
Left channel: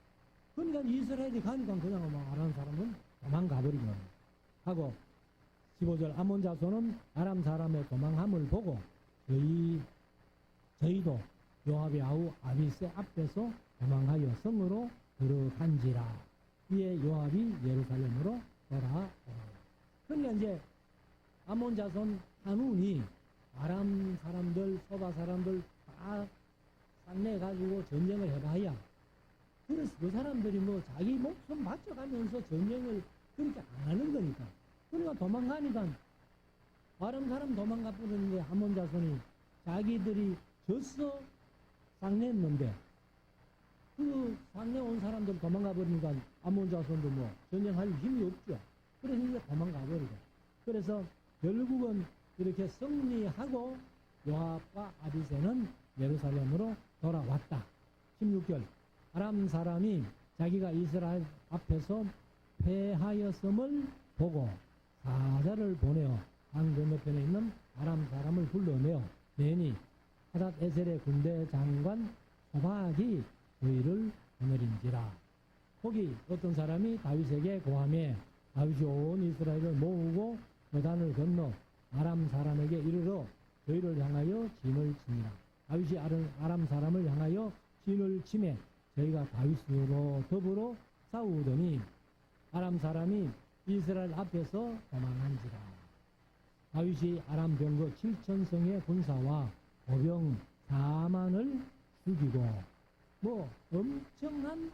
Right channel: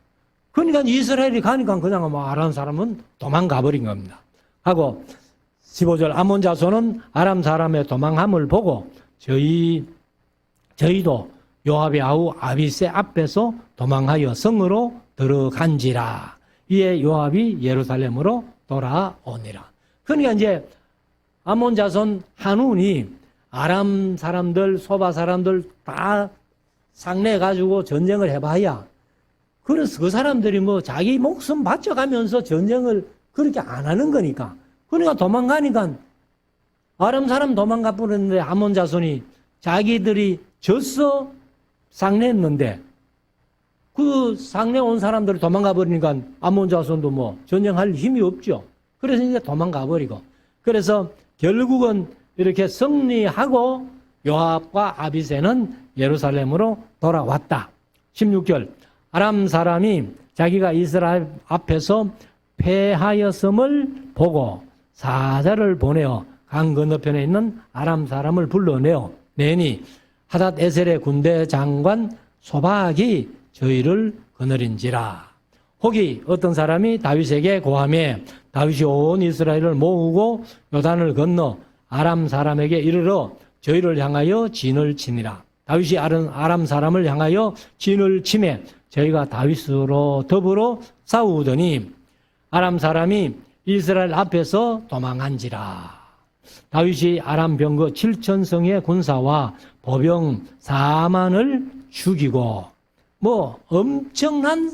그러니까 이스라엘이 가니까 그냥 뭐 아람 사람은 도망가 버린 겁니다. 하고 15절 암몬 자손은 아람 사람의 도망함을 보고 저희도 요압의 아우 아비새 앞에서 도망하여 성으로 들어간지라. 이에 요압이 예루살렘으로 돌아오니라. 그러니까 이제 암몬 자손 한운이 아람 사람들, 소바 사람들 다 상내해가지고 전쟁을 해봐야, 그래서 그 사람들이 뭐 자기 목숨 바쳐가면서 전쟁을 그렇게 안 하는 거니까. 그러니까 도망가니까 아람 사람 도망가 버렸는데 암몬 자손이 자기들이 졌어 상내했는데 그 상내 온 사람들이 도망가 버리니까 암몬 자손도 뭐 전쟁할 힘이 없죠. 그래서 이제 도망가 버리고. 그래서 결국은 이렇게 승리하고 요압과 아비새는 예루살렘으로 돌아왔다. 16절. 아람 사람이 자기가 이스라엘 앞에서 패하였음을 보고 사자를 보내어 강 건너편에 있는 아람 사람을 불러내어 내니 하닷 에셀의 군대 장관 소박이 저희를 거느린지라. 혹이 어떤 사람이 다윗에게 고하매 다윗이 온 이스라엘을 모으고 요단을 건너 아람 사람에게 이르러 저희를 향하여 진을 치니라. 다윗이 아람 사람을 향하여 진을 치매 저희가 다윗으로 더불어 싸우더니 아람 사람이 이스라엘 앞에서 도망한지라. 다윗이 아람 병거 7,000성의 군사와 보병 4만을 죽이고, 뭐 엄청난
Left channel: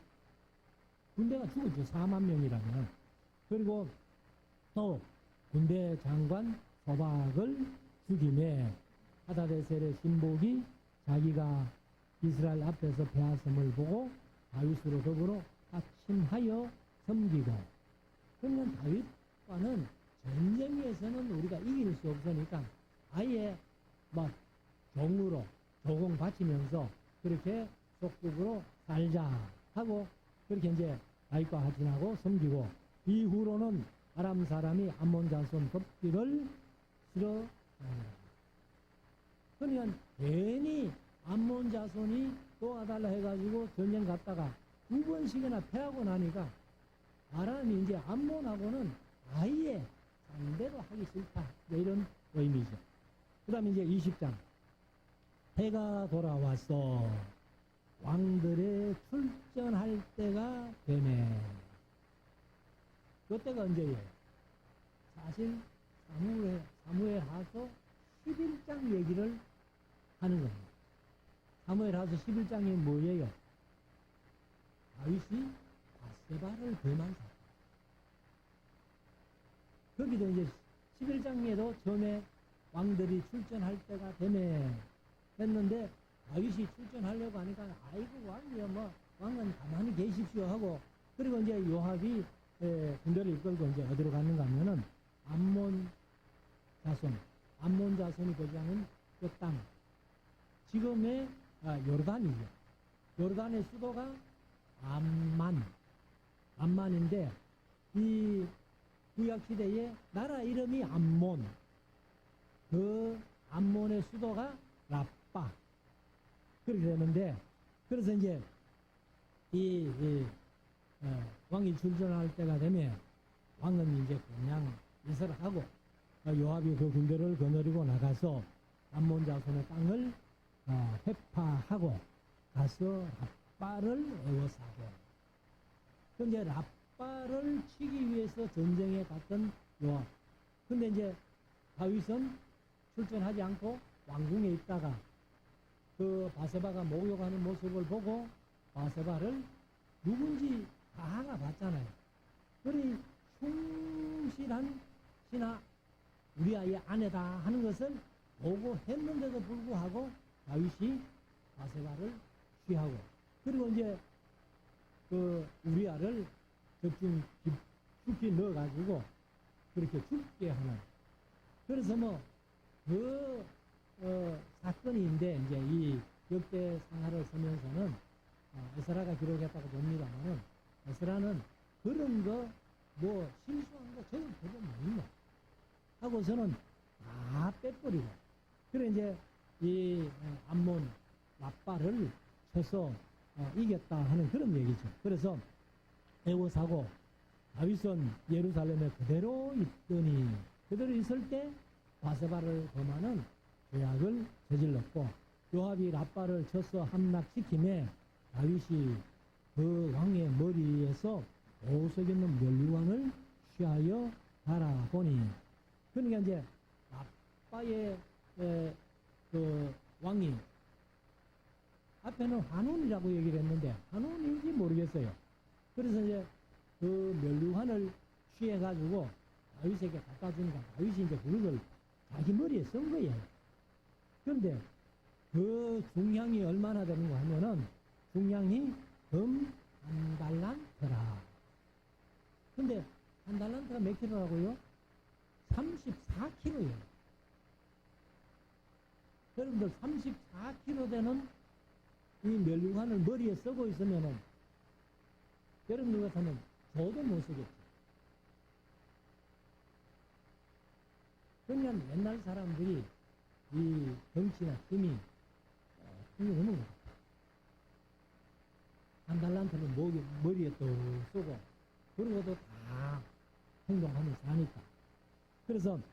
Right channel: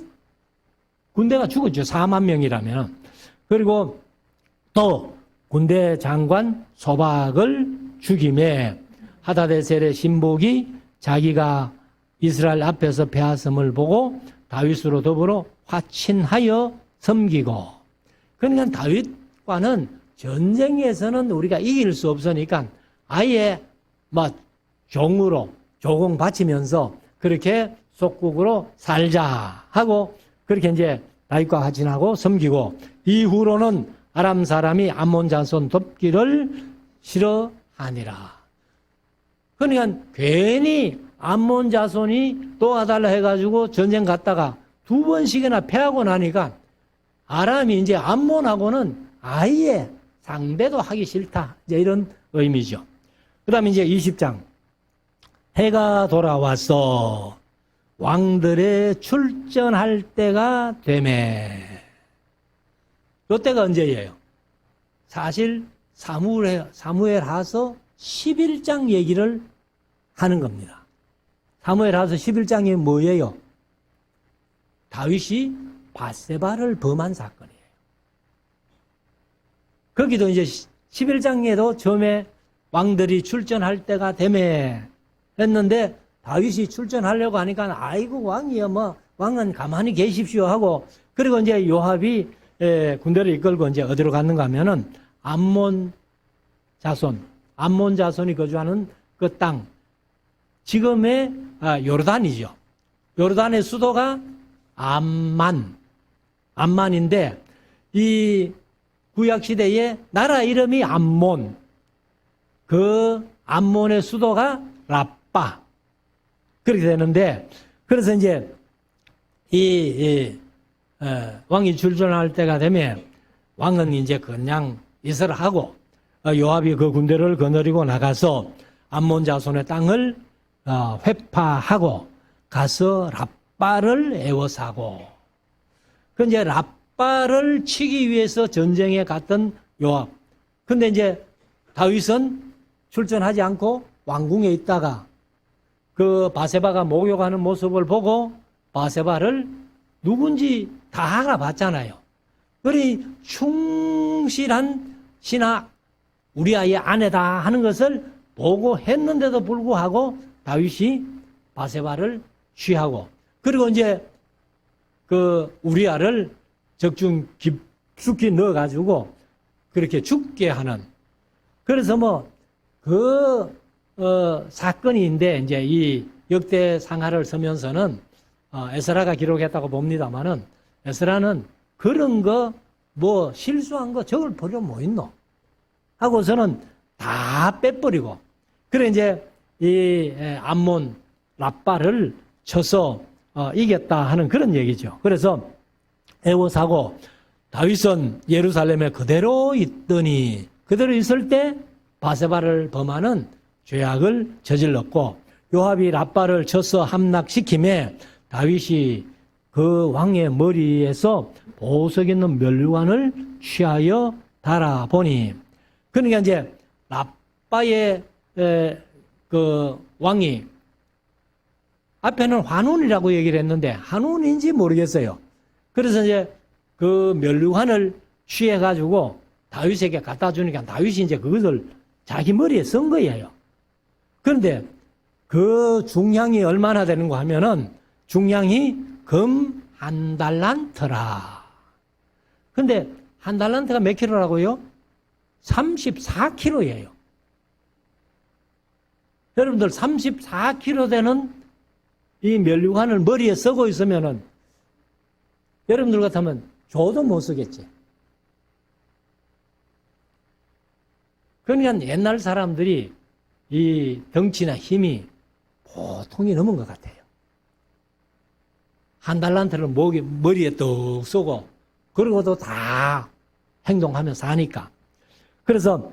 군대가 죽었죠. 4만 명이라면. 그리고 또 군대 장관 소박을 죽임에 하다데셀의 신복이 자기가 이스라엘 앞에서 패하심을 보고 다윗으로 더불어 화친하여 섬기고. 그러니까 다윗과는 전쟁에서는 우리가 이길 수 없으니까 아예 막 종으로 조공 바치면서 그렇게 속국으로 살자 하고 그렇게 이제 다윗과 화친하고 섬기고, 이후로는 아람 사람이 암몬 자손 돕기를 싫어하니라. 그러니까 괜히 암몬 자손이 도와달라 해가지고 전쟁 갔다가 2번씩이나 패하고 나니까 아람이 이제 암몬하고는 아예 상대도 하기 싫다. 이제 이런 의미죠. 그 다음에 이제 20장. 해가 돌아왔어. 왕들의 출전할 때가 되매. 이때가 언제예요? 사실 사무엘하서 11장 얘기를 하는 겁니다. 사무엘하서 11장이 뭐예요? 다윗이 밧세바를 범한 사건이에요. 거기도 이제 11장에도 처음에 왕들이 출전할 때가 되매 했는데 다윗이 출전하려고 하니까 아이고 왕이요 뭐 왕은 가만히 계십시오 하고, 그리고 이제 요압이 군대를 이끌고 이제 어디로 갔는가 하면은 암몬 자손이 거주하는 그 땅, 지금의 요르단이죠. 요르단의 수도가 암만인데 이 구약시대에 나라 이름이 암몬, 그 암몬의 수도가 라빠. 그렇게 되는데, 그래서 이제 왕이 출전할 때가 되면 왕은 이제 그냥 이슬을 하고 요압이 그 군대를 거느리고 나가서 암몬 자손의 땅을 회파하고 가서 랍바를 에워싸고, 그 이제 랍바를 치기 위해서 전쟁에 갔던 요압. 근데 이제 다윗은 출전하지 않고 왕궁에 있다가 그 바세바가 목욕하는 모습을 보고 바세바를 누군지 다 알아봤잖아요. 그리 충실한 신하, 우리 아이의 아내다 하는 것을 보고 했는데도 불구하고 다윗이 바세바를 취하고, 그리고 이제 그 우리아를 적중 깊숙이 넣어가지고 그렇게 죽게 하는. 그래서 뭐 사건인데 이제 이 역대 상하를 쓰면서는 에스라가 기록했다고 봅니다만은, 에스라는 그런 거 뭐 실수한 거 적을 버려 뭐 있노 하고서는 다 빼버리고, 그래 이제 이 암몬 랍바를 쳐서 이겼다 하는 그런 얘기죠. 그래서 애워사고 다윗은 예루살렘에 그대로 있더니, 그대로 있을 때 바세바를 범하는 죄악을 저질렀고, 요압이 랍바를 쳐서 함락시킴에 다윗이 그 왕의 머리에서 보석 있는 면류관을 취하여 달아보니, 그러니까 이제 랍바의 그 왕이 앞에는 환운이라고 얘기를 했는데 한운인지 모르겠어요. 그래서 이제 그 면류관을 취해가지고 다윗에게 갖다 주니까 다윗이 이제 그것을 자기 머리에 쓴 거예요. 그런데 그 중량이 얼마나 되는가 하면은 중량이 금 1달란트라. 근데 1달란트가 몇 킬로라고요? 34킬로예요. 여러분들 34킬로 되는 이 면류관을 머리에 쓰고 있으면은 여러분들 같으면 줘도 못 쓰겠지. 그러니까 옛날 사람들이 이 덩치나 힘이 보통이 넘은 것 같아요. 1달란트를 머리에 떡 쏘고 그러고도 다 행동하면서 하니까. 그래서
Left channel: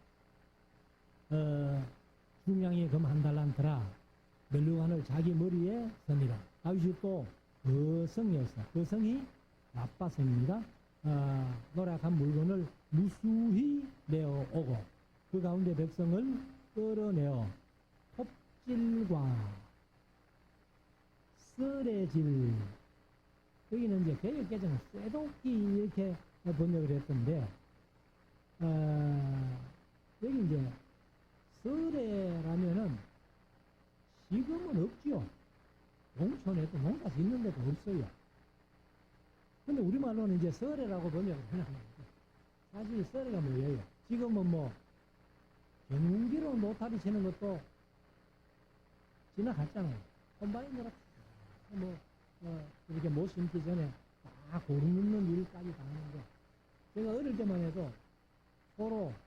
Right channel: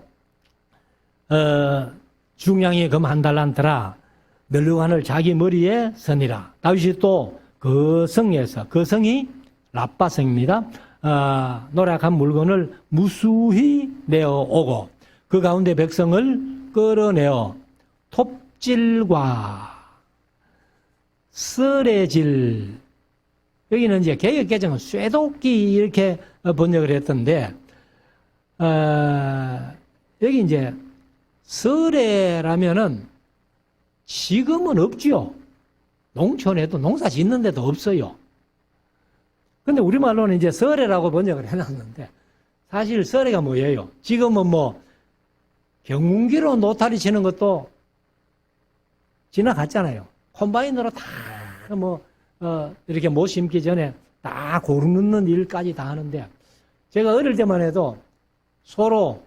중량이 금 1달란트라 면류관을 자기 머리에 서니라. 다윗이 또 그 성에서, 그 성이 랍바성입니다. 노략한 물건을 무수히 내어오고 그 가운데 백성을 끌어내어 톱질과 쓰레질, 여기는 이제 개역개정은 쇠도끼 이렇게 번역을 했던데, 여기 이제 쓰레라면은 지금은 없지요. 농촌에도 농사 짓는 데도 없어요. 근데 우리말로는 이제 썰애라고 번역을 해놨는데, 사실 썰애가 뭐예요? 지금은 뭐 경운기로 노타리 치는 것도 지나갔잖아요. 콤바인으로 다 이렇게 못 심기 전에 다 고루 넣는 일까지 다 하는데, 제가 어릴 때만 해도 소로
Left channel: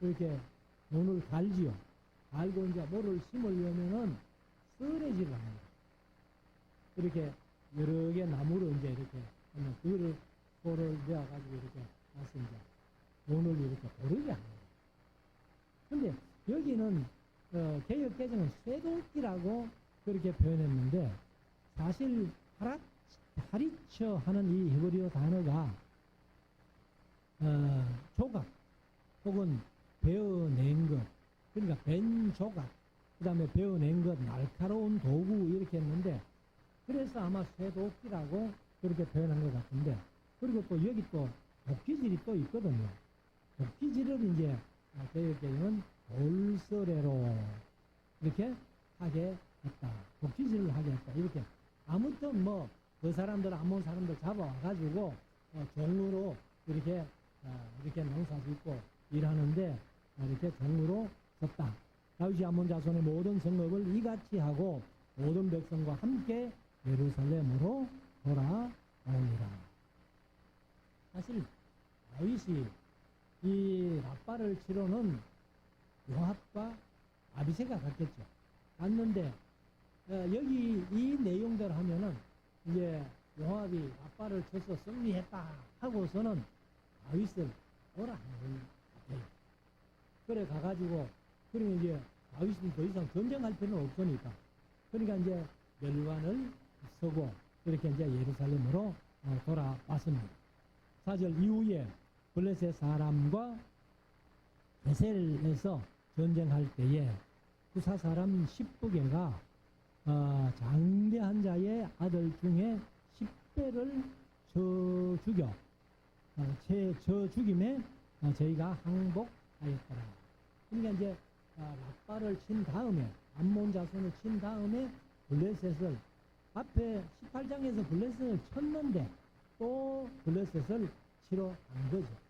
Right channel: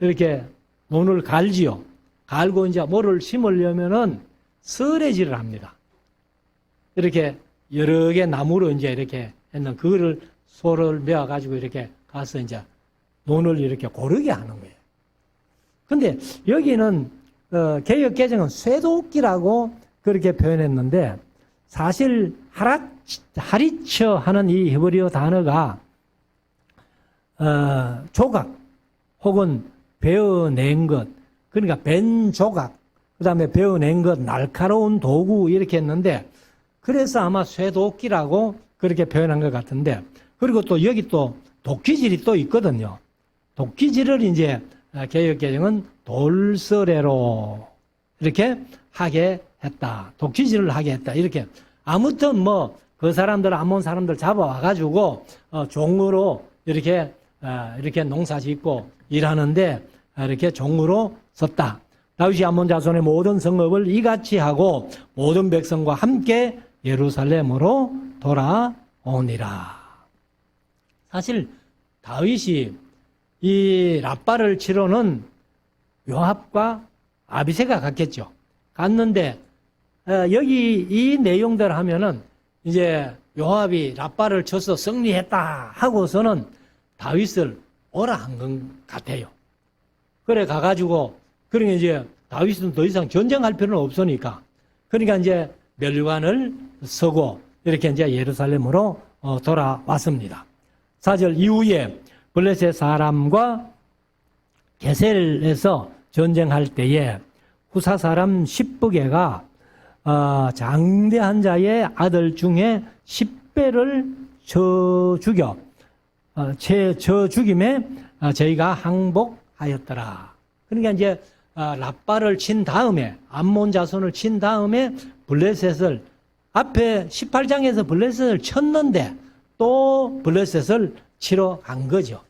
이렇게 논을 갈지요. 갈고 이제 뭐를 심으려면은 썰애질을 합니다. 이렇게 여러 개 나무로 이제 이렇게 했는 그거를 소를 메어가지고 이렇게 가서 이제 논을 이렇게 고르게 하는 거예요. 근데 여기는 개역개정은 쇠도끼라고 그렇게 표현했는데, 사실 하리처 하는 이 히브리어 단어가 조각 혹은 베어낸 것, 그러니까 벤 조각, 그 다음에 베어낸 것, 날카로운 도구 이렇게 했는데, 그래서 아마 쇠도끼라고 그렇게 표현한 것 같은데, 그리고 또 여기 또 도끼질이 또 있거든요. 도끼질을 이제 개역개정은 돌서래로 이렇게 하게 했다. 도끼질을 하게 했다. 이렇게. 아무튼 뭐 그 사람들, 암몬 사람들 잡아와가지고 종으로 이렇게 농사 짓고 일하는데 이렇게 종으로 썼다. 다윗이 암몬 자손의 모든 성읍을 이같이 하고 모든 백성과 함께 예루살렘으로 돌아오니라. 사실 다윗이 이 랍바를 치러는 요압과 아비새가 갔겠죠. 갔는데 여기 이 내용들 하면은 이제 요압이 랍바를 쳐서 승리했다 하고서는 다윗을 오라 한 것 같아요. 그래 가가지고, 그러니까 이제 다윗은 더 이상 전쟁할 필요는 없으니까, 그러니까 이제 면류관을 서고 이렇게 이제 예루살렘으로 돌아왔습니다. 4절 이후에 블레셋 사람과 게셀에서 전쟁할 때에 후사 사람 십부개가 장대한 자의 아들 중에 10배를 쳐 죽여 저 죽임에 저희가 항복하였더라. 그러니까 이제 라빠를 친 다음에 암몬 자손을 친 다음에 블레셋을 앞에 18장에서 블레셋을 쳤는데 또 블레셋을 치러 간 거죠.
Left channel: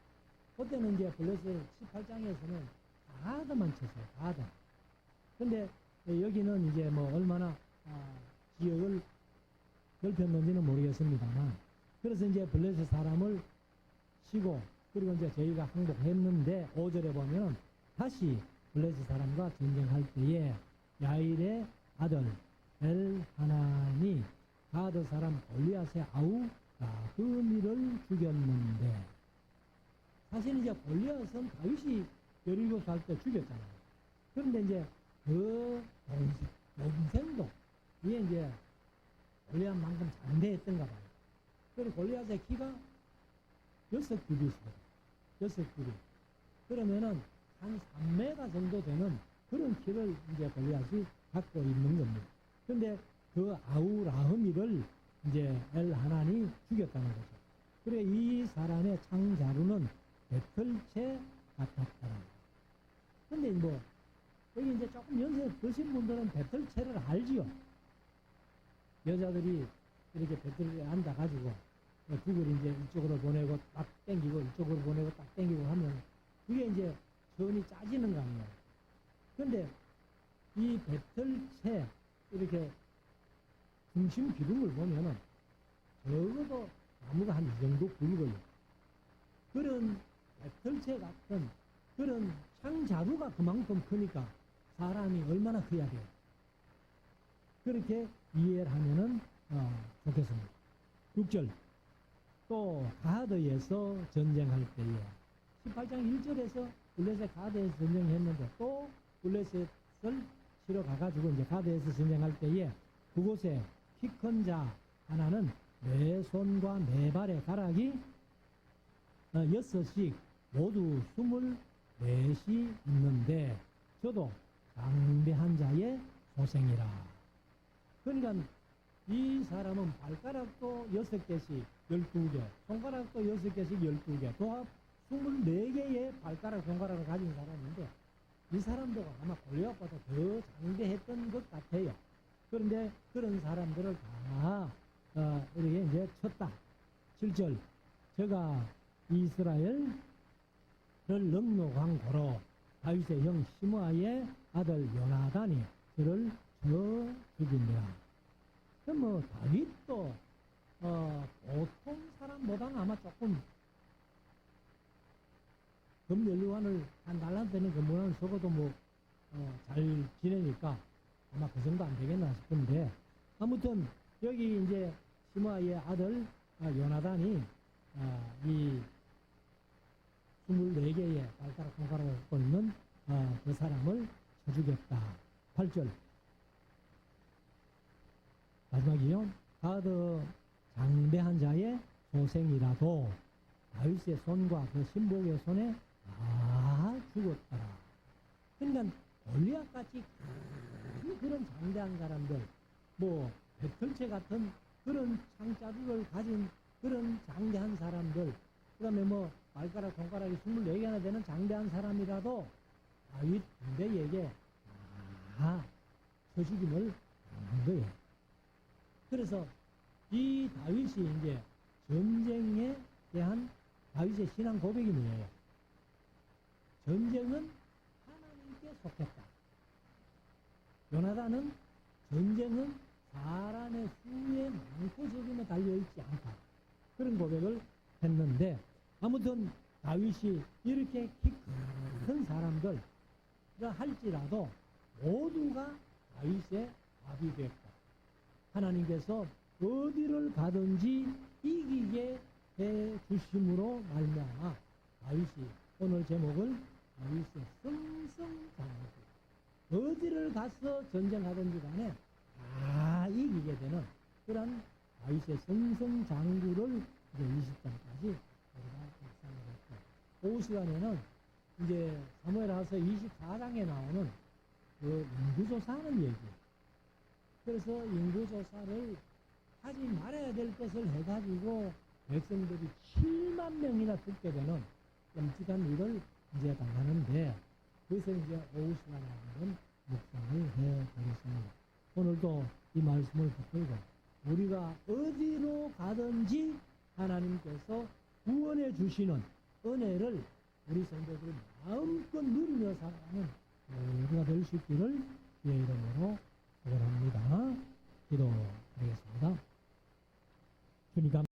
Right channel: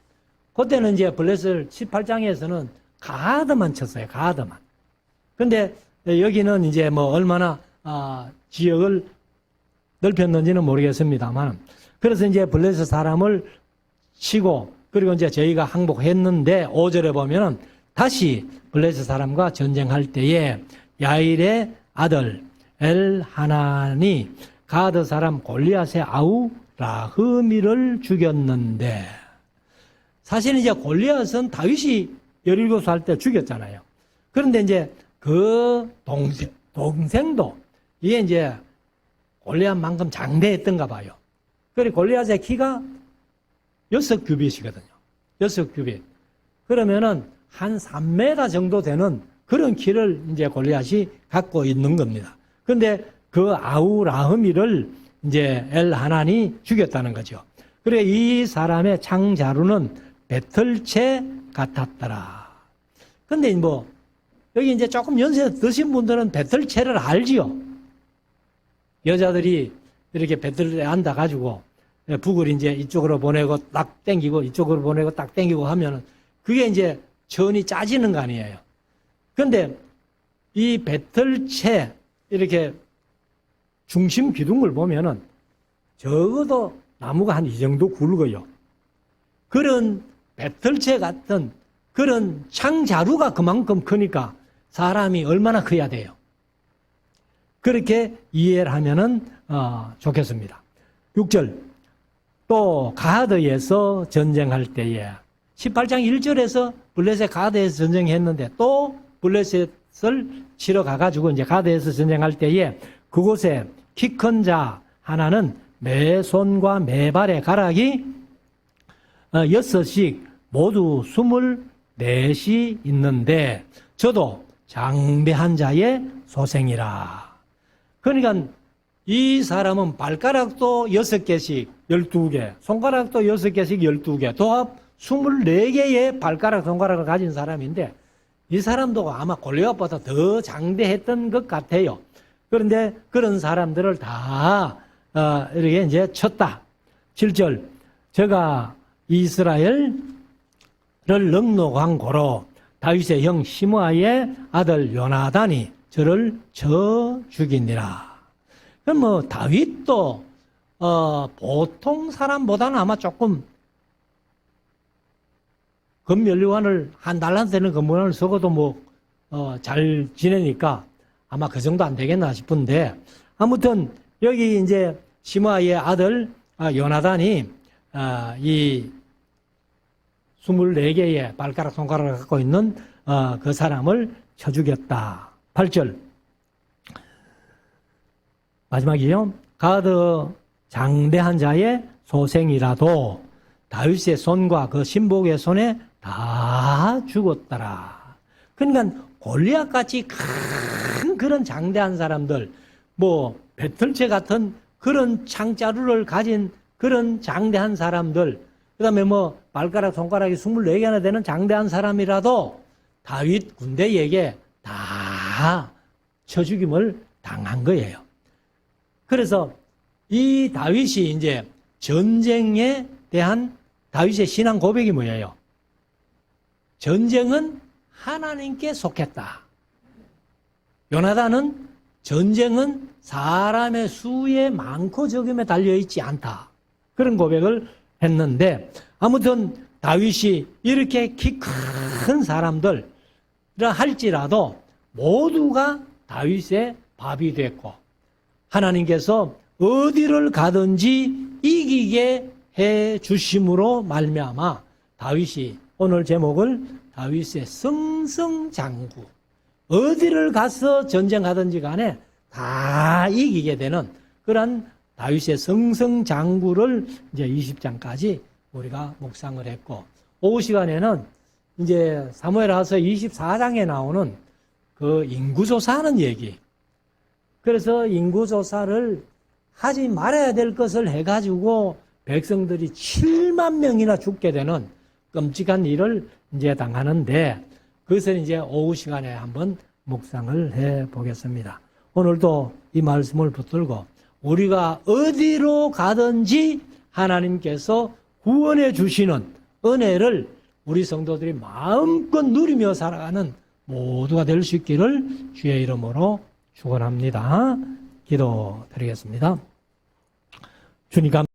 그때는 이제 블레셋을 18장에서는 가드만 쳤어요. 가드만. 근데 여기는 이제 뭐 얼마나 지역을 넓혔는지는 모르겠습니다만, 그래서 이제 블레셋 사람을 치고, 그리고 이제 저희가 항복했는데 5절에 보면은 다시 블레셋 사람과 전쟁할 때에 야일의 아들 엘하난이 가드 사람 골리앗의 아우 라흐미를 죽였는데, 사실은 이제 골리앗은 다윗이 17살 할 때 죽였잖아요. 그런데 이제 그 동생도 이게 이제 골리앗만큼 장대했던가 봐요. 그리고 골리앗의 키가 6규빗이거든요. 6규빗. 그러면은 한 3m 정도 되는 그런 키를 이제 골리앗이 갖고 있는 겁니다. 근데 그 아우 라흐미를 이제 엘하난이 죽였다는 거죠. 그래 이 사람의 창자루는 배틀채 같았더라. 근데 뭐 여기 이제 조금 연세 드신 분들은 배틀채를 알지요. 여자들이 이렇게 배틀에 앉아가지고 북을 이제 이쪽으로 보내고 딱 땡기고 이쪽으로 보내고 딱 땡기고 하면은 그게 이제 전이 짜지는 거 아니에요. 근데 이 배틀채 이렇게 중심 기둥을 보면은 적어도 나무가 한 이 정도 굵어요. 그런 배틀채 같은 그런 창자루가 그만큼 크니까 사람이 얼마나 커야 돼요. 그렇게 이해를 하면은 좋겠습니다. 6절 또 가드에서 전쟁할 때에 18장 1절에서 블레셋 가드에서 전쟁했는데 또 블레셋을 치러 가가지고 이제 가드에서 전쟁할 때에 그곳에 키 큰 자 하나는 매 손과 매 발의 가락이 6씩 모두 24이 있는데 저도 장대한 자의 소생이라. 그러니까 이 사람은 발가락도 6개씩 12개, 손가락도 6개씩 12개, 도합 24개의 발가락, 손가락을 가진 사람인데 이 사람도 아마 골리앗보다 더 장대했던 것 같아요. 그런데 그런 사람들을 다 이렇게 이제 쳤다. 7절 제가 이스라엘을 넉넉한 고로 다윗의 형 시므아의 아들 요나단이 저를 쳐 죽이니라. 그럼 뭐 다윗도 보통 사람보다는 아마 조금 금연료관을 한 달란트는 금연료관을 쓰고도 뭐 잘 지내니까 아마 그 정도 안 되겠나 싶은데, 아무튼 여기 이제 시므아의 아들 요나단이 이 24개의 발가락 손가락을 갖고 있는 그 사람을 쳐 죽였다. 8절 마지막이요. 가드 장대한 자의 소생이라도 다윗의 손과 그 신복의 손에 다 죽었더라. 그러니까 골리앗같이 큰 그런 장대한 사람들, 뭐 배틀채 같은 그런 창자루를 가진 그런 장대한 사람들, 그 다음에 뭐 발가락 손가락이 24개나 되는 장대한 사람이라도 다윗 군대에게 다 쳐 죽임을 당한 거예요. 그래서 이 다윗이 이제 전쟁에 대한 다윗의 신앙 고백이 뭐예요? 전쟁은 하나님께 속했다. 요나단은 전쟁은 사람의 수에 많고 적음에 달려있지 않다. 그런 고백을 했는데, 아무튼 다윗이 이렇게 키 큰 사람들 할지라도 모두가 다윗의 밥이 됐고 하나님께서 어디를 가든지 이기게 해 주심으로 말미암아 다윗이 오늘 제목을 다윗의 승승장구, 어디를 가서 전쟁하든지 간에 다 이기게 되는 그런 다윗의 승승장구를 이제 20장까지 우리가 묵상을 했고, 오후 시간에는 이제 사무엘하서 24장에 나오는 그 인구조사하는 얘기, 그래서 인구조사를 하지 말아야 될 것을 해가지고 백성들이 7만 명이나 죽게 되는 끔찍한 일을 이제 당하는데, 그것을 이제 오후 시간에 한번 묵상을 해 보겠습니다. 오늘도 이 말씀을 붙들고 우리가 어디로 가든지 하나님께서 구원해 주시는 은혜를 우리 성도들이 마음껏 누리며 살아가는 모두가 될 수 있기를 주의 이름으로 축원합니다. 기도드리겠습니다. 주님